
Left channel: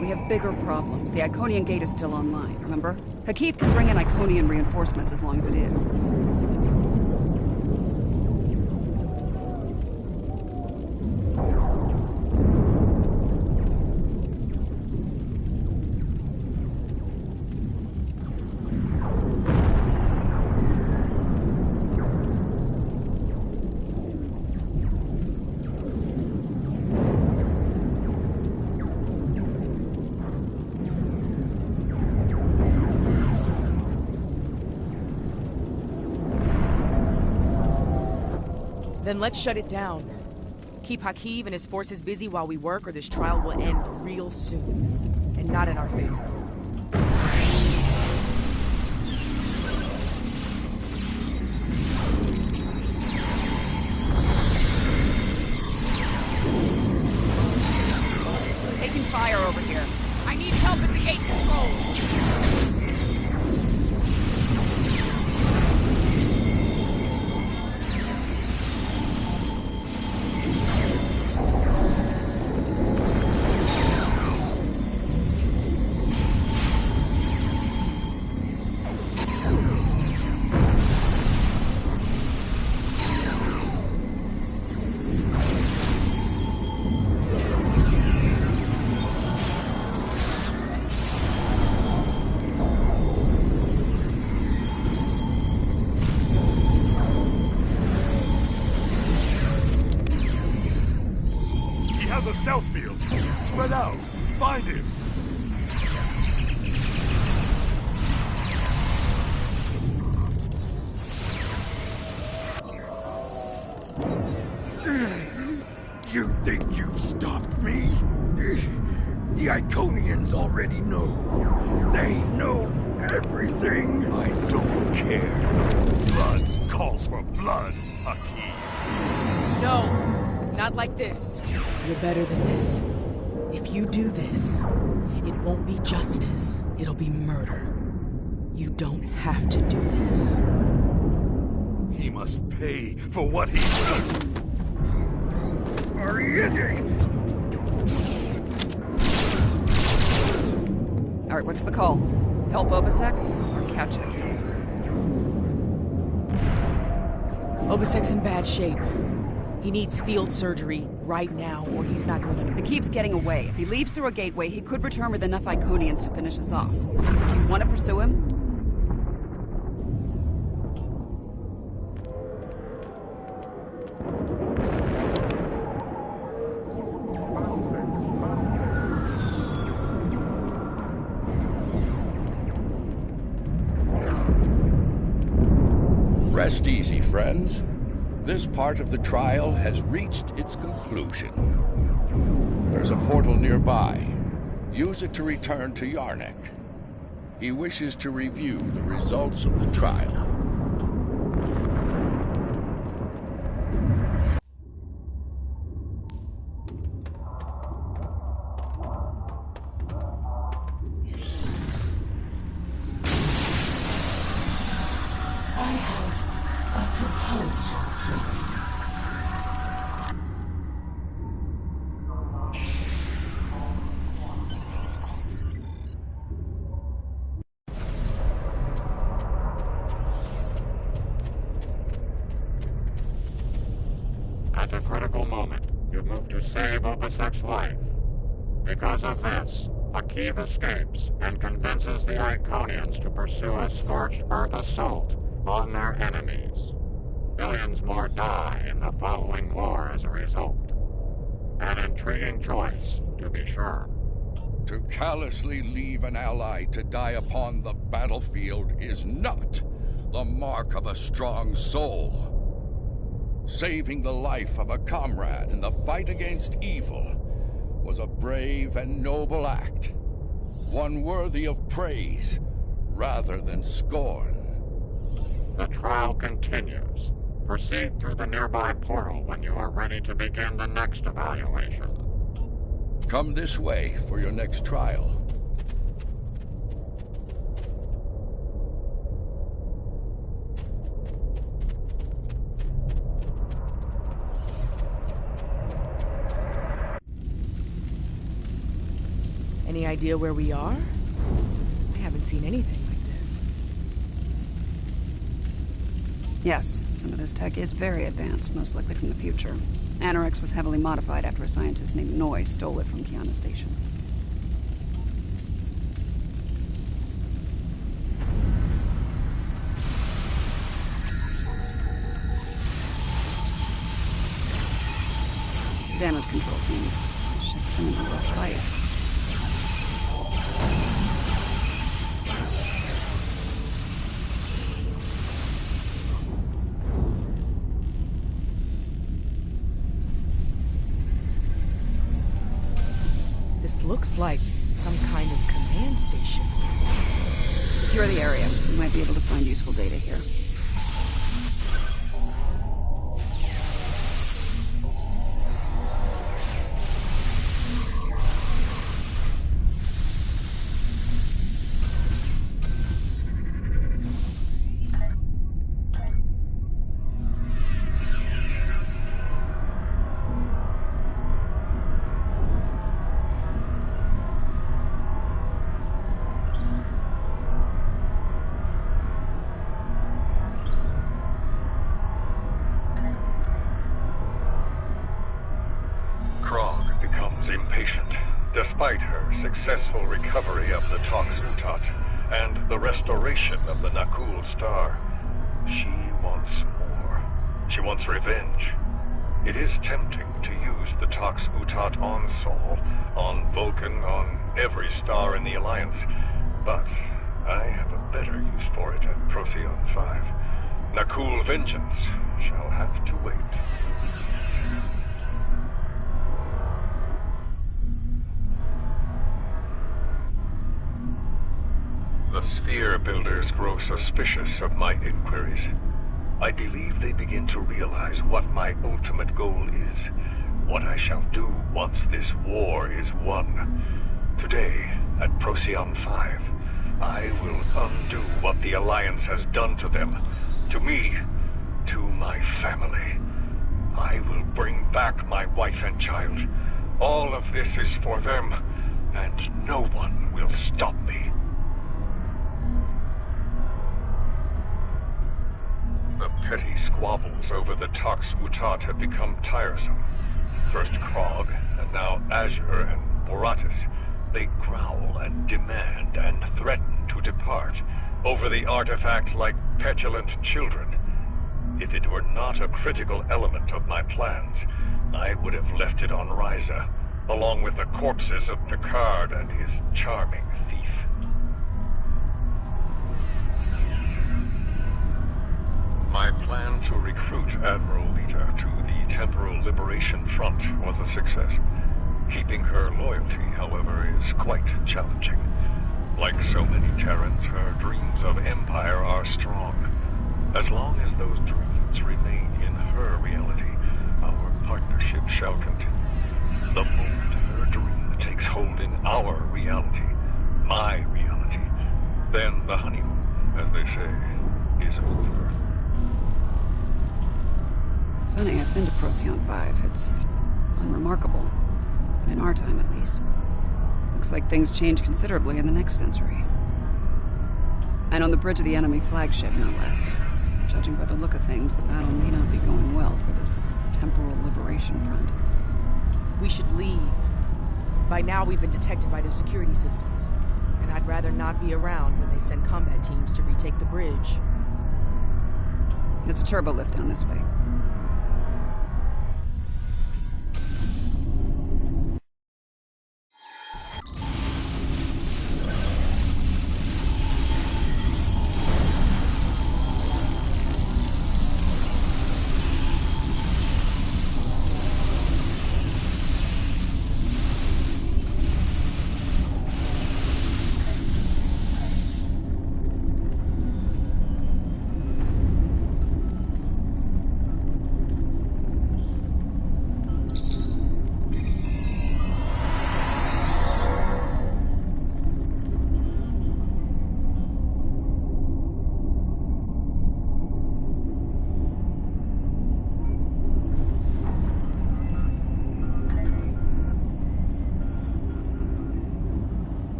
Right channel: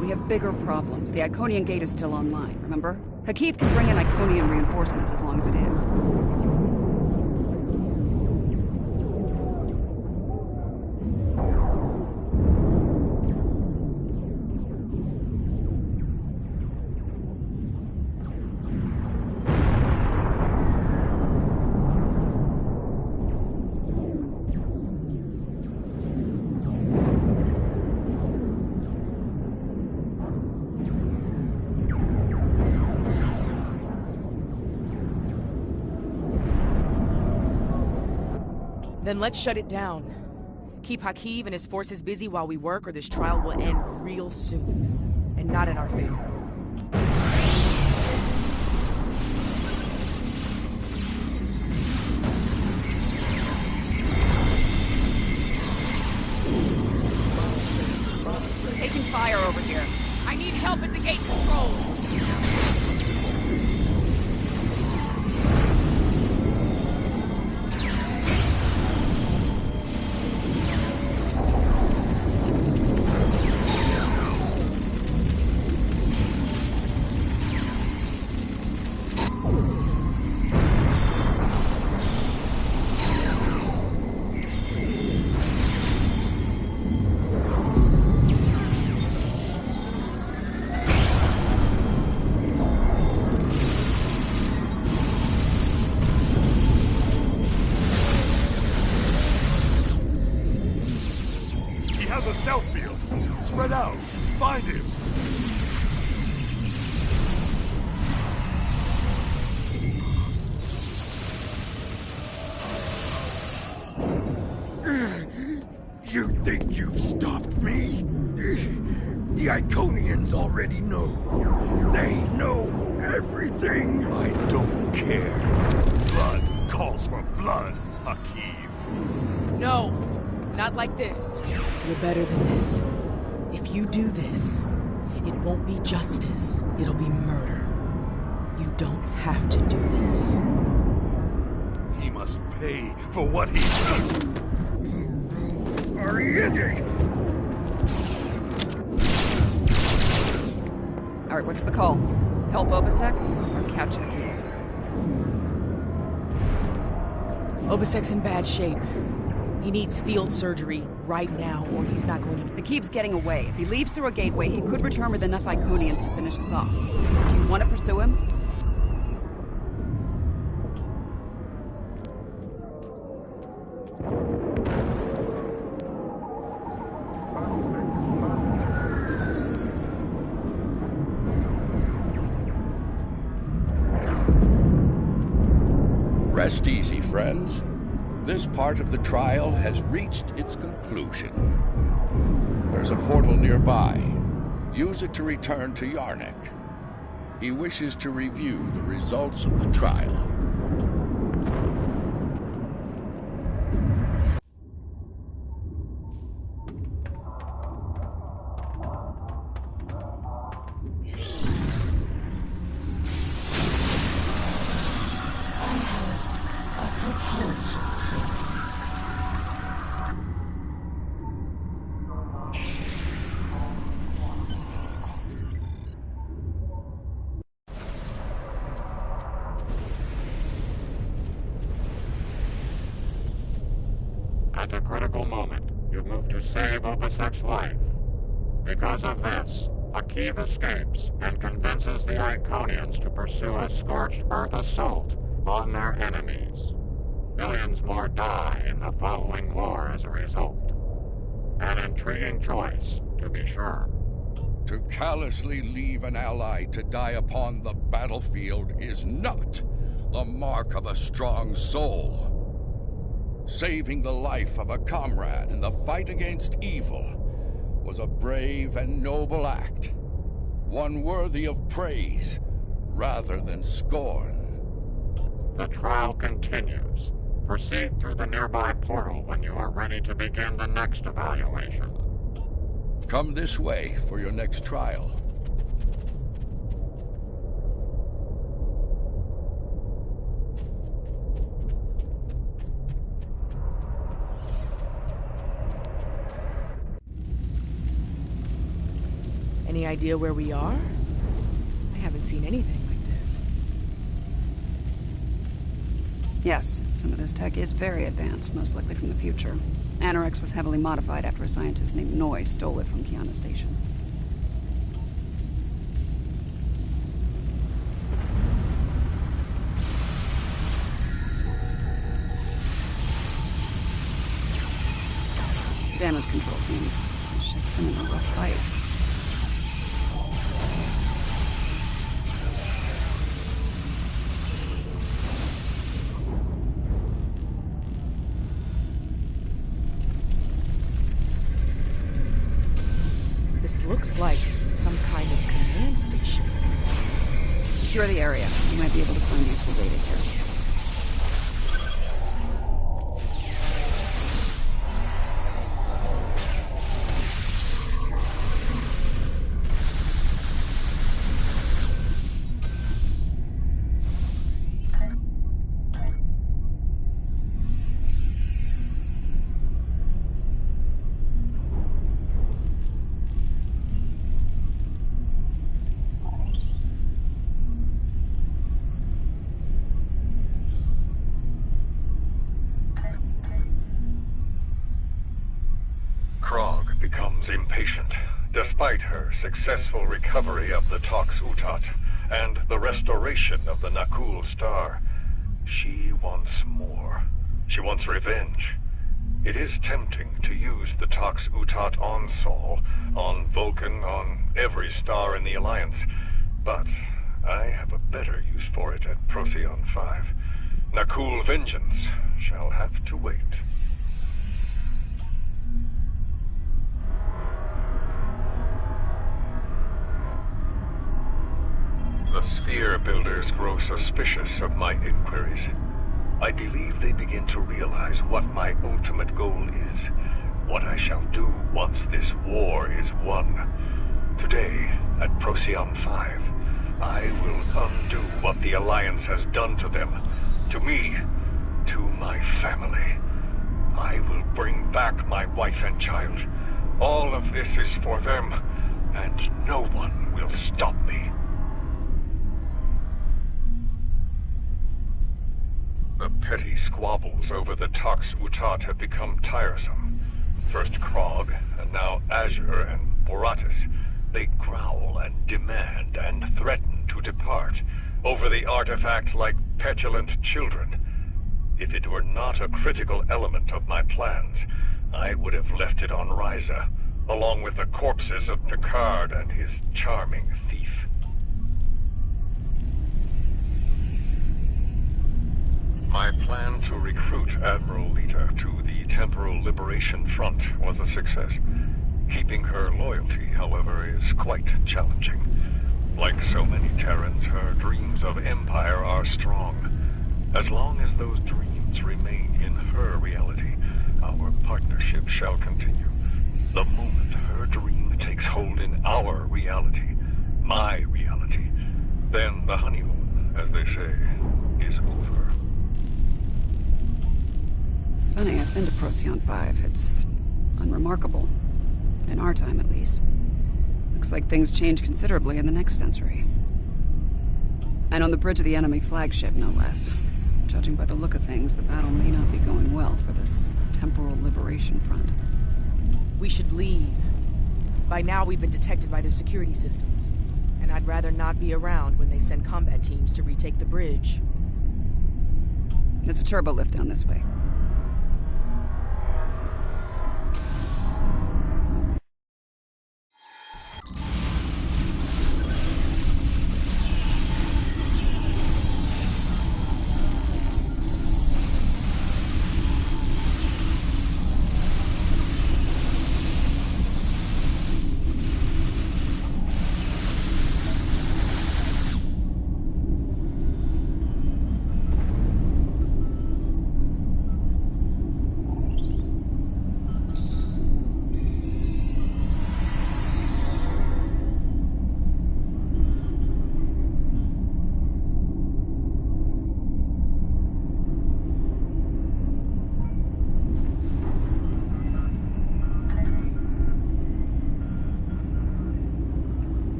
We have bigger problems. The Iconian gate is still online, remember? Hakiv can bring in Iconian reinforcements as long as it is. Then let's shut it down. Keep Hakiv and his forces busy while we work, or this trial will end real soon. And not in our favor. Taking fire over here. I need help at the gate controls. A stealth field. Spread out. Find him. You think you've stopped me? The Iconians already know. They know everything. I don't care. Blood calls for blood, Hakiv. No! Not like this. You're better than this. If you do this, it won't be justice. It'll be murder. You don't have to do this. He must pay for what he's done. Alright, what's the call? Help Obasek or catch Hakiv? Obasek's in bad shape. He needs field surgery right now, or he's not going to... Hakiv's getting away. If he leaves through a gateway, he could return with enough Iconians to finish us off. Do you want to pursue him? Rest easy, friends. This part of the trial has reached its conclusion. There's a portal nearby. Use it to return to Yarnek. He wishes to review the results of the trial. At a critical moment, you move to save Obasek's life. Because of this, Hakiv escapes and convinces the Iconians to pursue a scorched earth assault on their enemies. Millions more die in the following war as a result. An intriguing choice, to be sure. To callously leave an ally to die upon the battlefield is not the mark of a strong soul. Saving the life of a comrade in the fight against evil was a brave and noble act, one worthy of praise rather than scorn. The trial continues. Proceed through the nearby portal when you are ready to begin the next evaluation. Come this way for your next trial. Any idea where we are? I haven't seen anything like this. Yes, some of this tech is very advanced, most likely from the future. Anorex was heavily modified after a scientist named Noi stole it from Kiana Station. Damage control teams. This ship's been in a rough fight. This looks like some kind of command station. Secure the area. You might be able to find useful data here. Impatient, despite her successful recovery of the Tox Utat and the restoration of the Nakul Star. She wants more. She wants revenge. It is tempting to use the Tox Utat on Sol, on Vulcan, on every star in the Alliance, but I have a better use for it at Procyon 5. Nakul vengeance shall have to wait. The Sphere Builders grow suspicious of my inquiries. I believe they begin to realize what my ultimate goal is, what I shall do once this war is won. Today, at Procyon 5, I will undo what the Alliance has done to them, to me, to my family. I will bring back my wife and child. All of this is for them, and no one will stop me. The petty squabbles over the Tox Utat have become tiresome. First Krog, and now Azure and Boratis. They growl and demand and threaten to depart over the artifact like petulant children. If it were not a critical element of my plans, I would have left it on Ryza, along with the corpses of Picard and his charming thief. My plan to recruit Admiral Lita to the Temporal Liberation Front was a success. Keeping her loyalty, however, is quite challenging. Like so many Terrans, her dreams of empire are strong. As long as those dreams remain in her reality, our partnership shall continue. The moment her dream takes hold in our reality, my reality, then the honeymoon, as they say, is over. Funny, I've been to Procyon 5. It's unremarkable. In our time, at least. Looks like things change considerably in the next century. And on the bridge of the enemy flagship, no less. Judging by the look of things, the battle may not be going well for this Temporal Liberation Front. We should leave. By now, we've been detected by their security systems. And I'd rather not be around when they send combat teams to retake the bridge. There's a turbo lift down this way.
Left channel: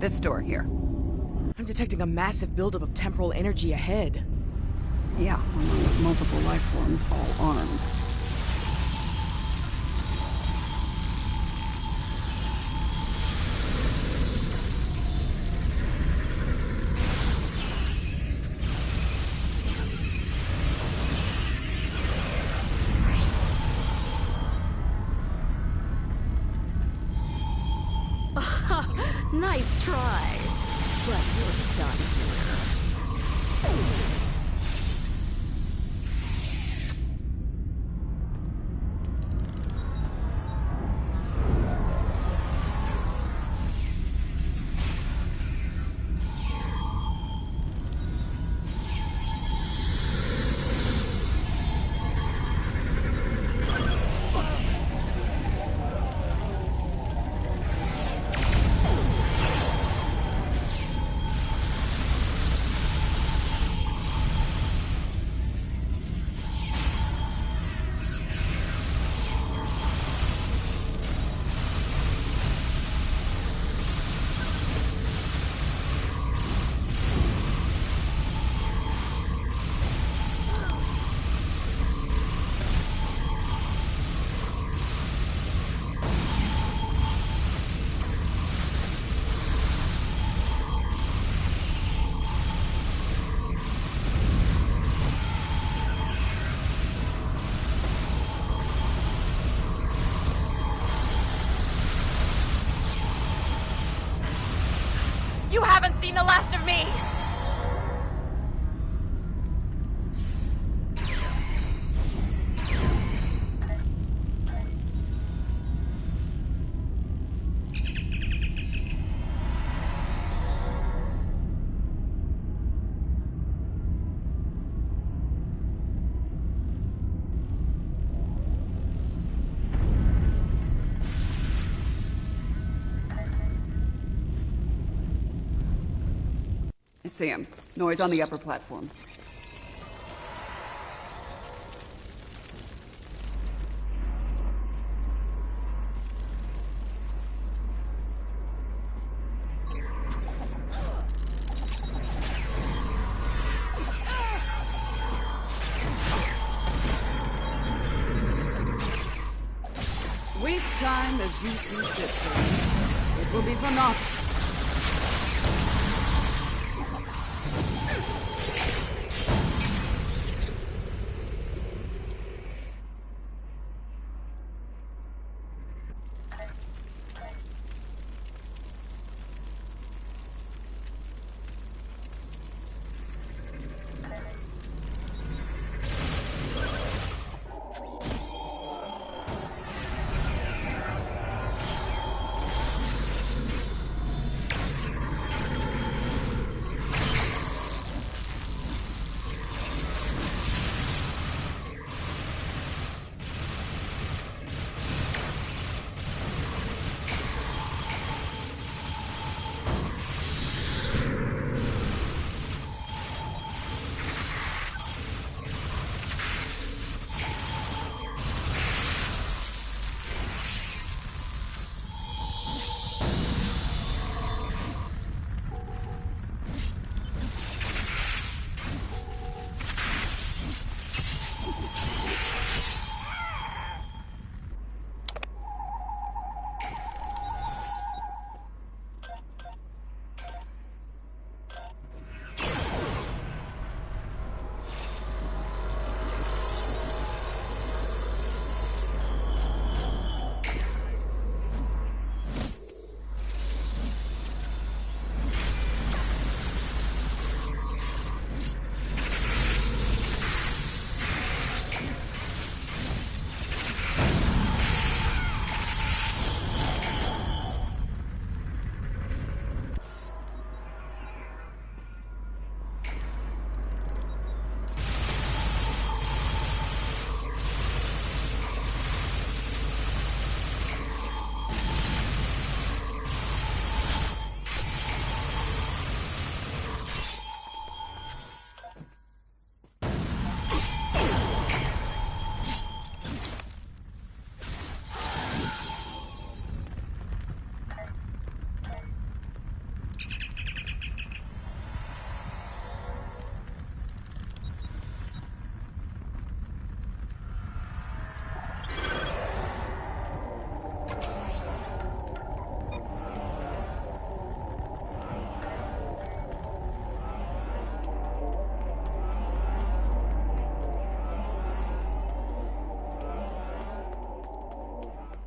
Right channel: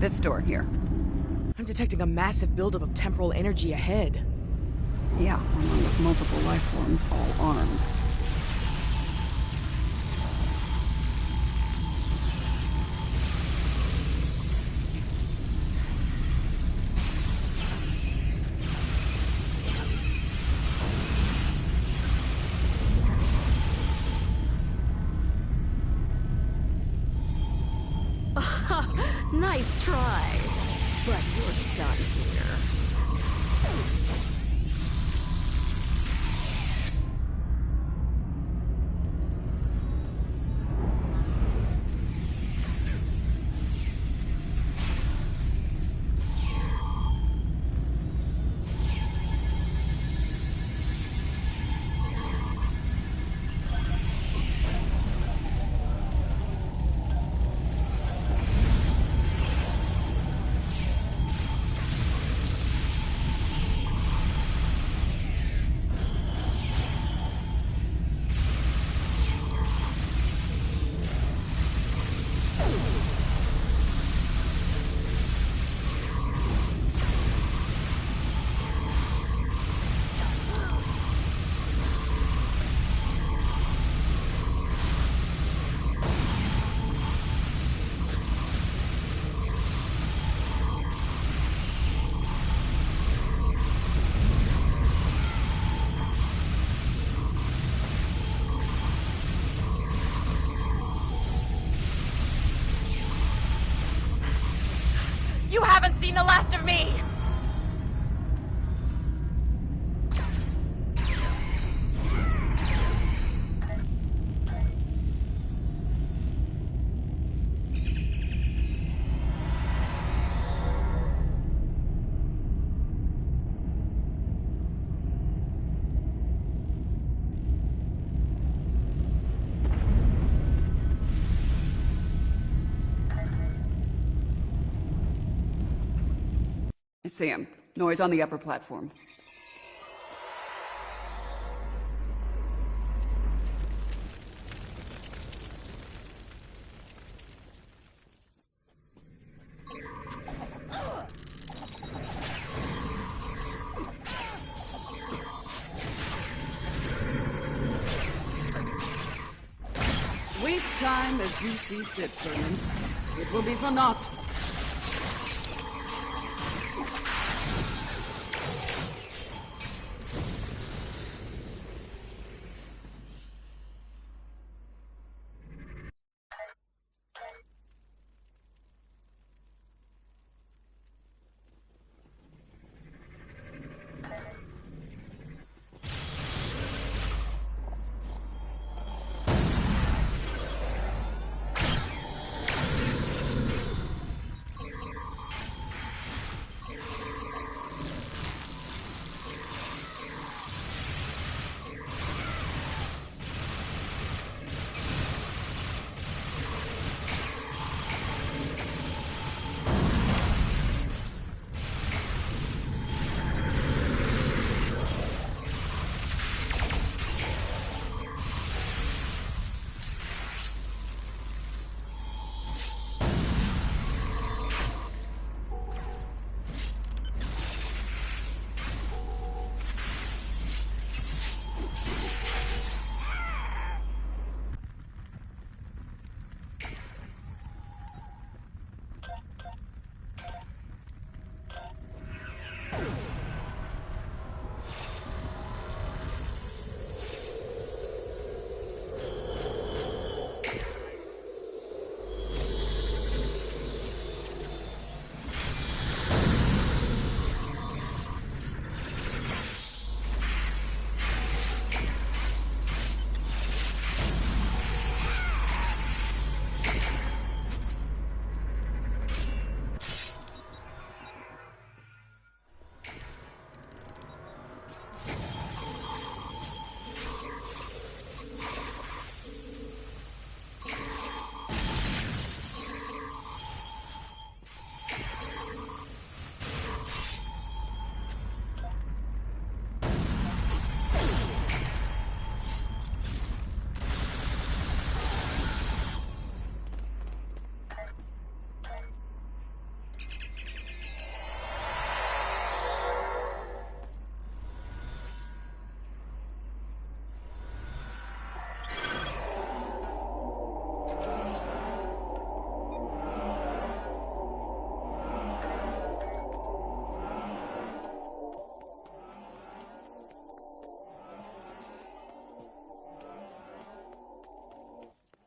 This door here. I'm detecting a massive buildup of temporal energy ahead. Yeah, along with multiple life forms, all armed. Nice try, but you're done here. You haven't seen the last of me! I see him. Noise on the upper platform. Waste time as you see fit, friend. It will be for naught.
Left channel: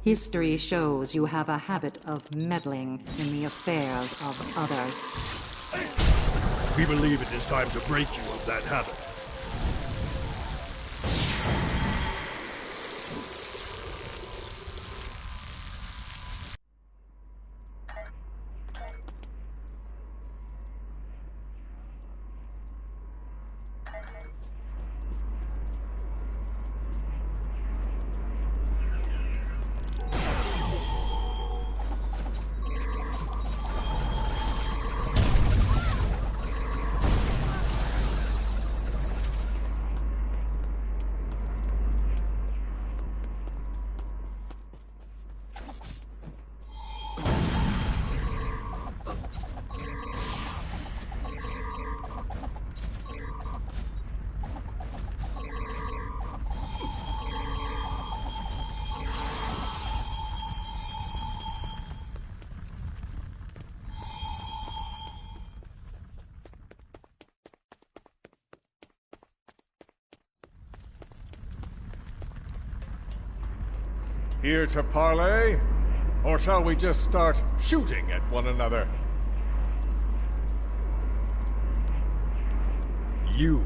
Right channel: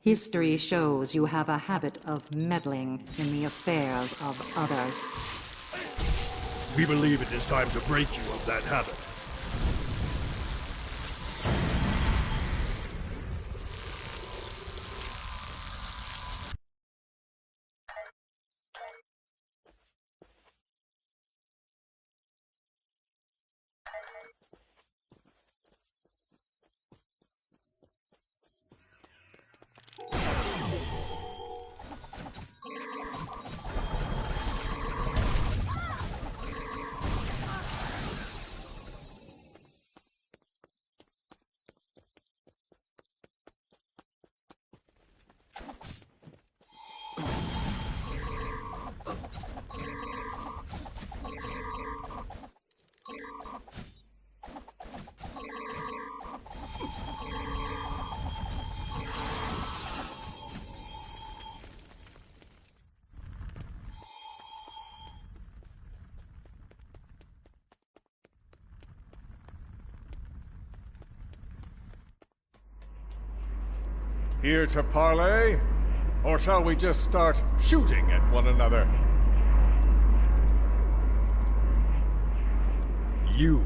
History shows you have a habit of meddling in the affairs of others. We believe it is time to break you of that habit. Here to parley? Or shall we just start shooting at one another? You.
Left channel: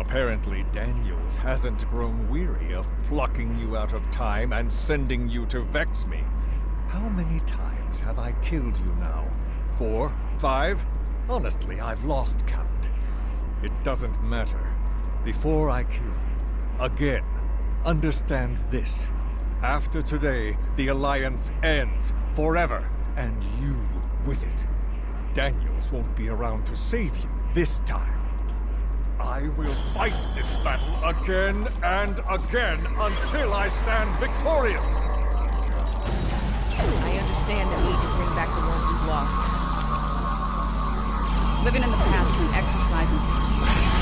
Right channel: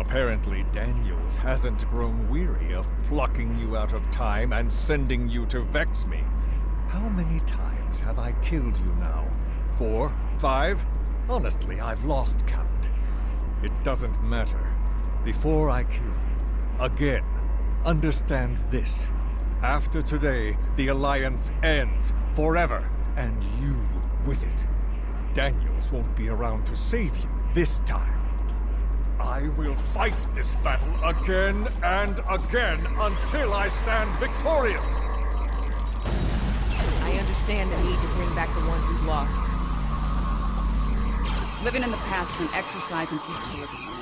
Apparently Daniels hasn't grown weary of plucking you out of time and sending you to vex me. How many times have I killed you now? 4? 5? Honestly, I've lost count. It doesn't matter. Before I kill you, again, understand this. After today, the Alliance ends forever, and you with it. Daniels won't be around to save you this time. I will fight this battle again and again until I stand victorious! I understand the need to bring back the ones we've lost. Living in the past can exercise and teach you.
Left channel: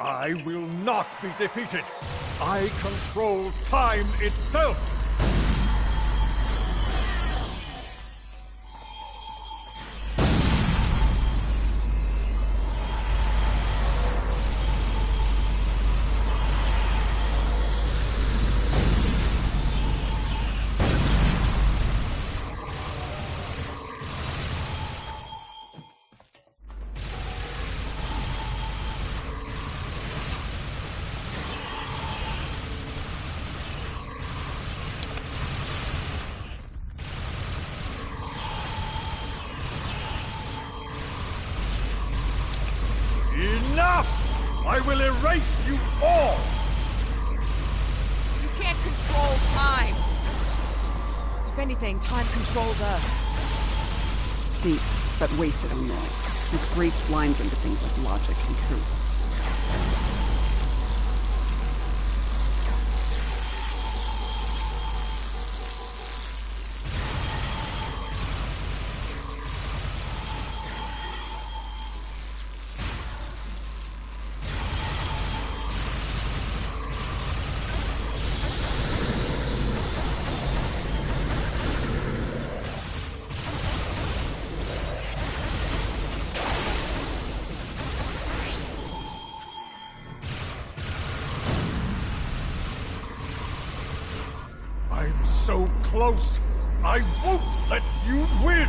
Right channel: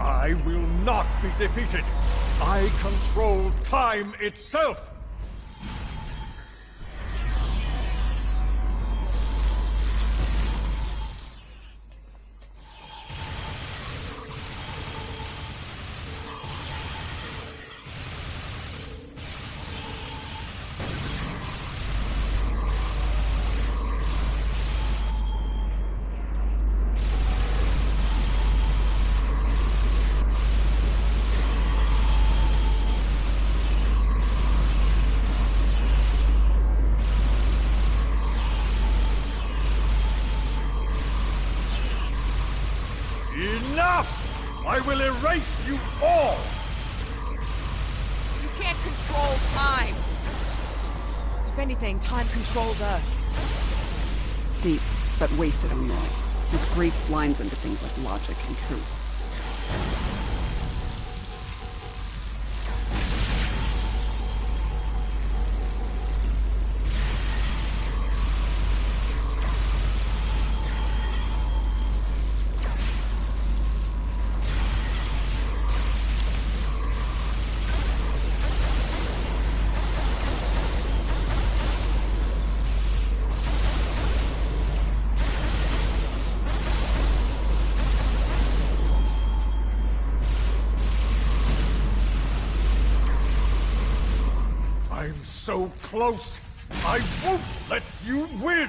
I will not be defeated. I control time itself. Enough! I will erase you all! You can't control time! If anything, time controls us. Deep, but wasted on Roy. His grief blinds him to things like logic and truth. I'm so close! I won't let you win!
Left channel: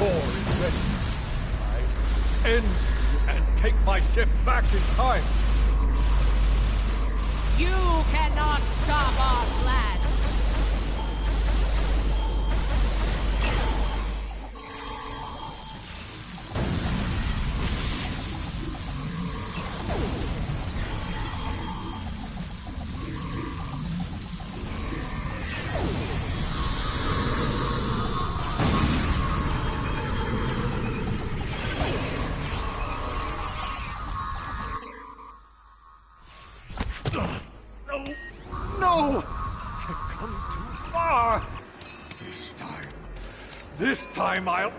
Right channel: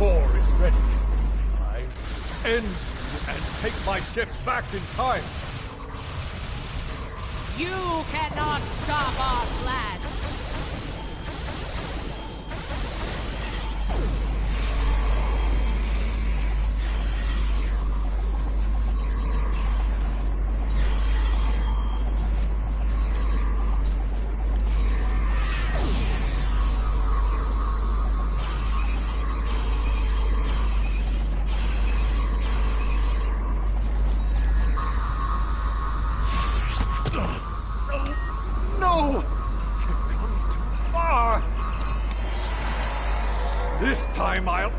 core is ready, I end you and take my ship back in time. You cannot stop our plan! No! I've come too far! This time I'll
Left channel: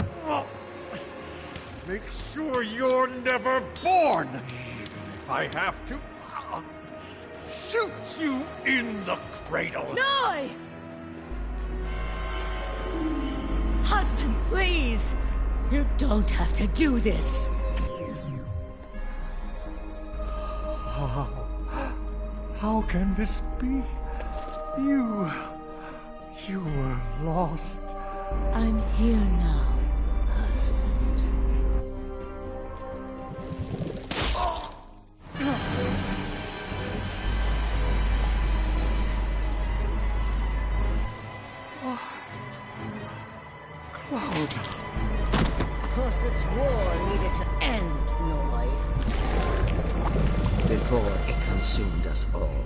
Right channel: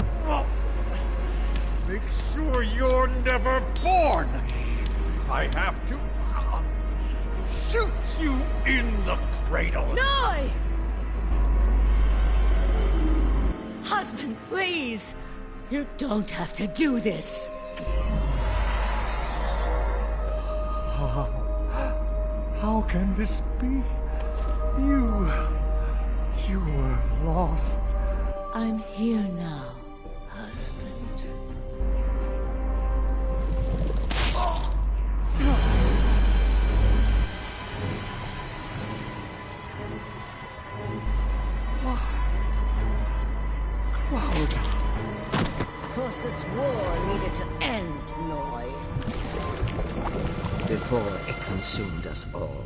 make sure you're never born! Even if I have to shoot you in the cradle! Noi! Husband, please! You don't have to do this! How can this be? You were lost. I'm here now, husband. Cloud. Of course, this war needed to end, Noi. Before it consumed us all.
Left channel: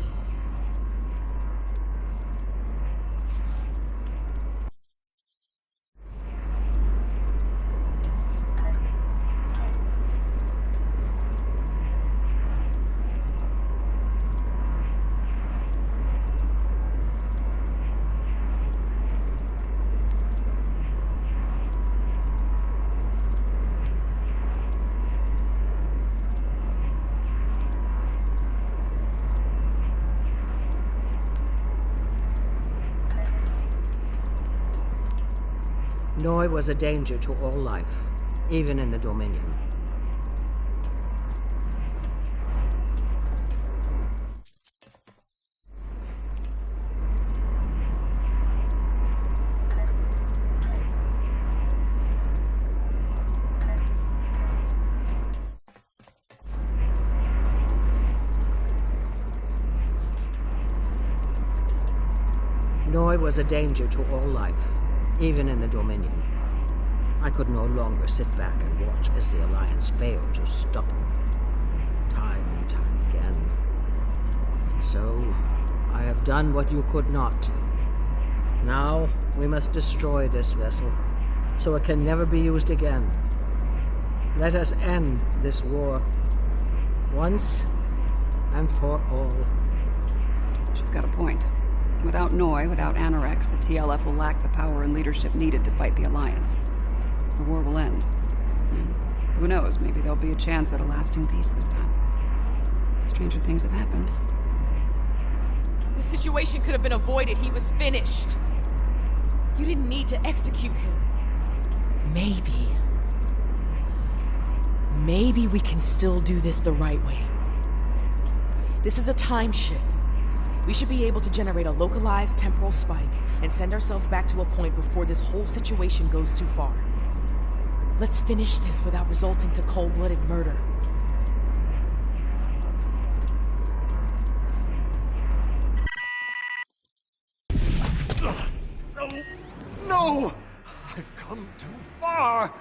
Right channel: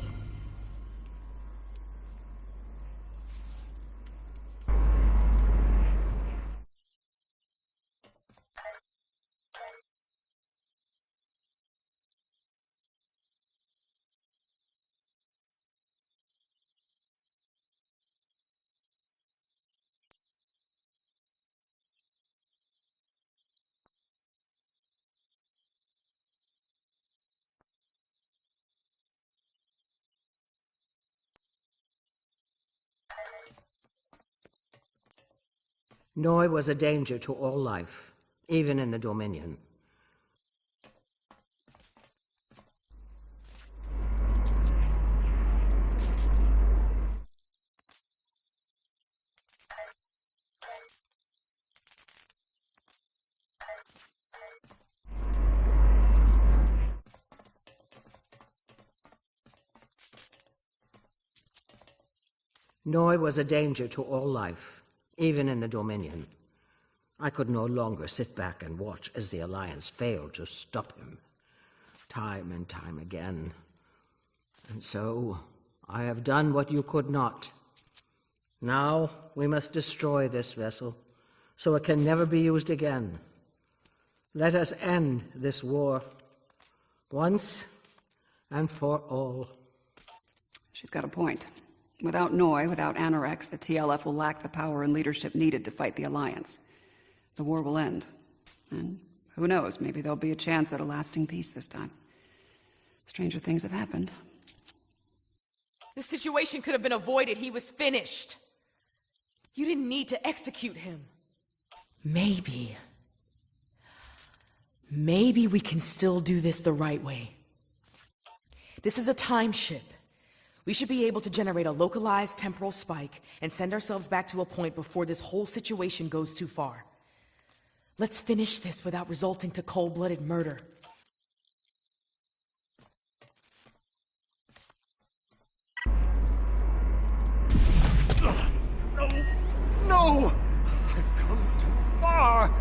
Noi was a danger to all life, even in the Dominion. Noi was a danger to all life, even in the Dominion. I could no longer sit back and watch as the Alliance failed to stop him. Time and time again. And so, I have done what you could not. Now, we must destroy this vessel, so it can never be used again. Let us end this war, once and for all. She's got a point. Without Noi, without Anorex, the TLF will lack the power and leadership needed to fight the Alliance. The war will end. And who knows, maybe there'll be a chance at a lasting peace this time. Stranger things have happened. This situation could have been avoided. He was finished. You didn't need to execute him. Maybe we can still do this the right way. This is a time ship. We should be able to generate a localized temporal spike and send ourselves back to a point before this whole situation goes too far. Let's finish this without resulting to cold-blooded murder. No! I've come too far!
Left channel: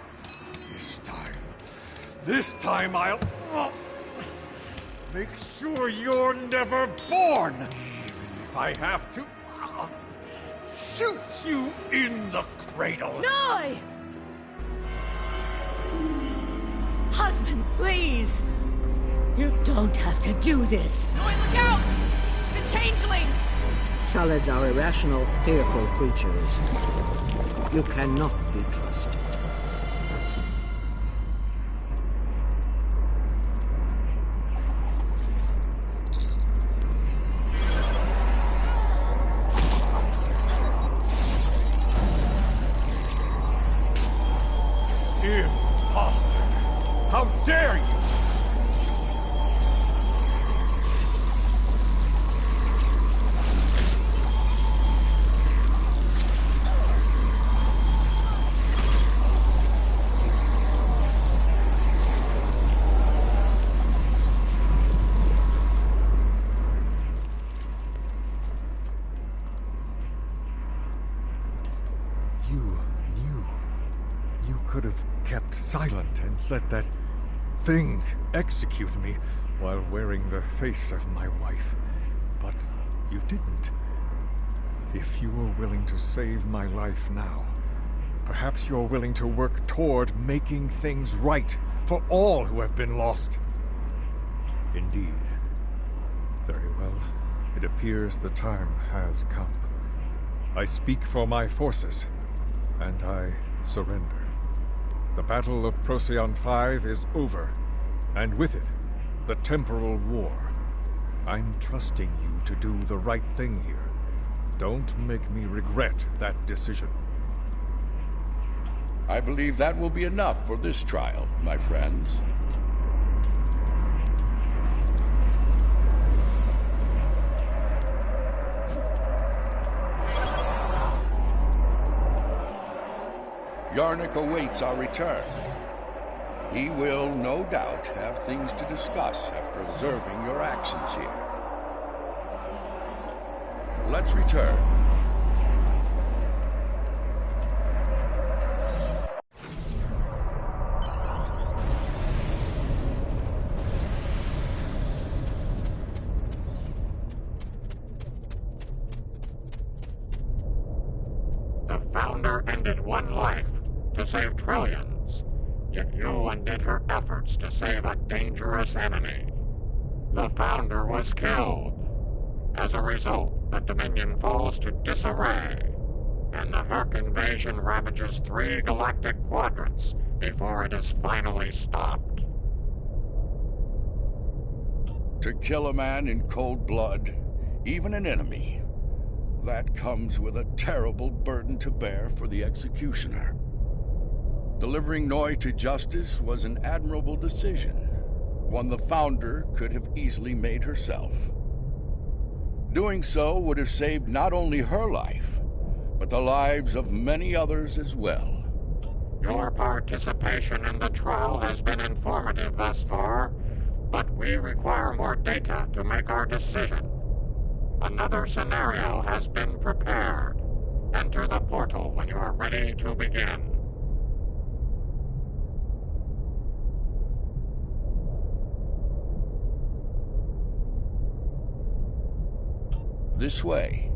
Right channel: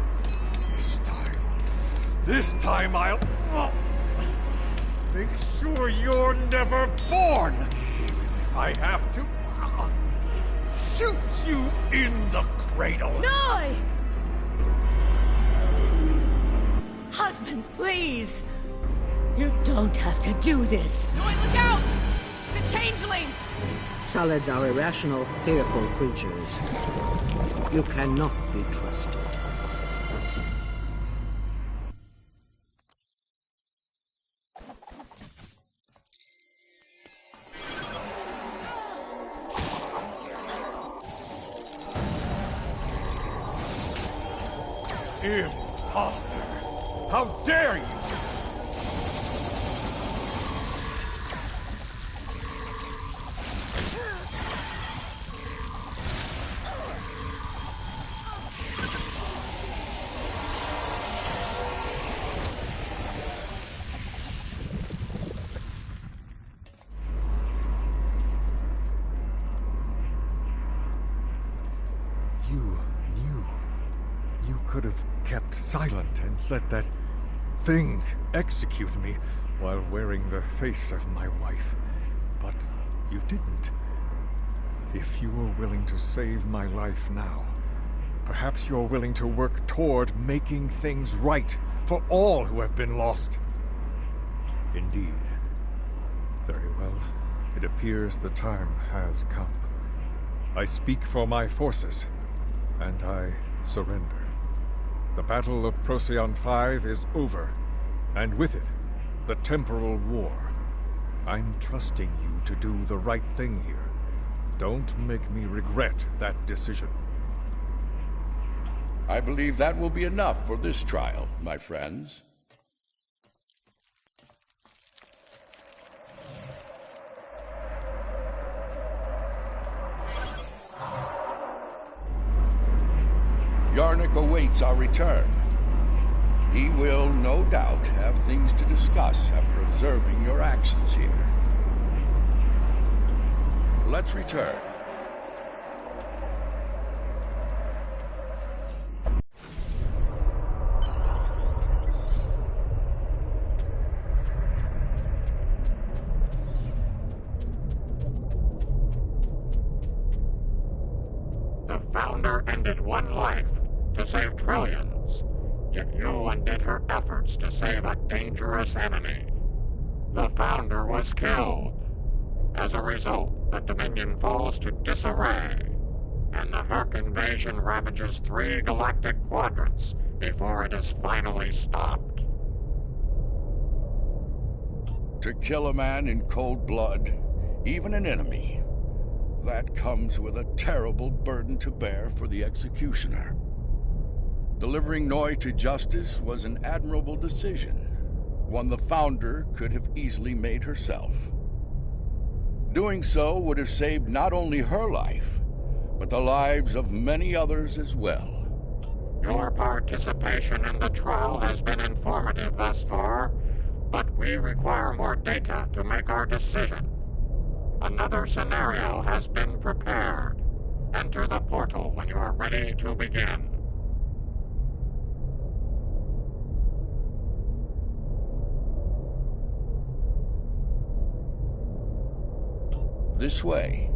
This time I'll make sure you're never born! Even if I have to shoot you in the cradle! Noi! Husband, please! You don't have to do this! Noi, look out! She's a changeling! Solids are irrational, fearful creatures. You cannot be trusted. Imposter! How dare you! you knew. You could have kept silent and let that thing execute me while wearing the face of my wife. But you didn't. If you are willing to save my life now, perhaps you're willing to work toward making things right for all who have been lost. Indeed. Very well. It appears the time has come. I speak for my forces, and I surrender. The Battle of Procyon 5 is over, and with it, the temporal war. I'm trusting you to do the right thing here. Don't make me regret that decision. I believe that will be enough for this trial, my friends. Yarnik awaits our return. He will, no doubt, have things to discuss after observing your actions here. Let's return. The Founder ended one life to save trillions, yet you undid her efforts to save a dangerous enemy. The Founder was killed. As a result, the Dominion falls to disarray, and the Hurk invasion ravages 3 galactic quadrants before it is finally stopped. To kill a man in cold blood, even an enemy, that comes with a terrible burden to bear for the executioner. Delivering Noi to justice was an admirable decision, one the Founder could have easily made herself. Doing so would have saved not only her life, but the lives of many others as well. Your participation in the trial has been informative thus far, but we require more data to make our decision. Another scenario has been prepared. Enter the portal when you are ready to begin. This way.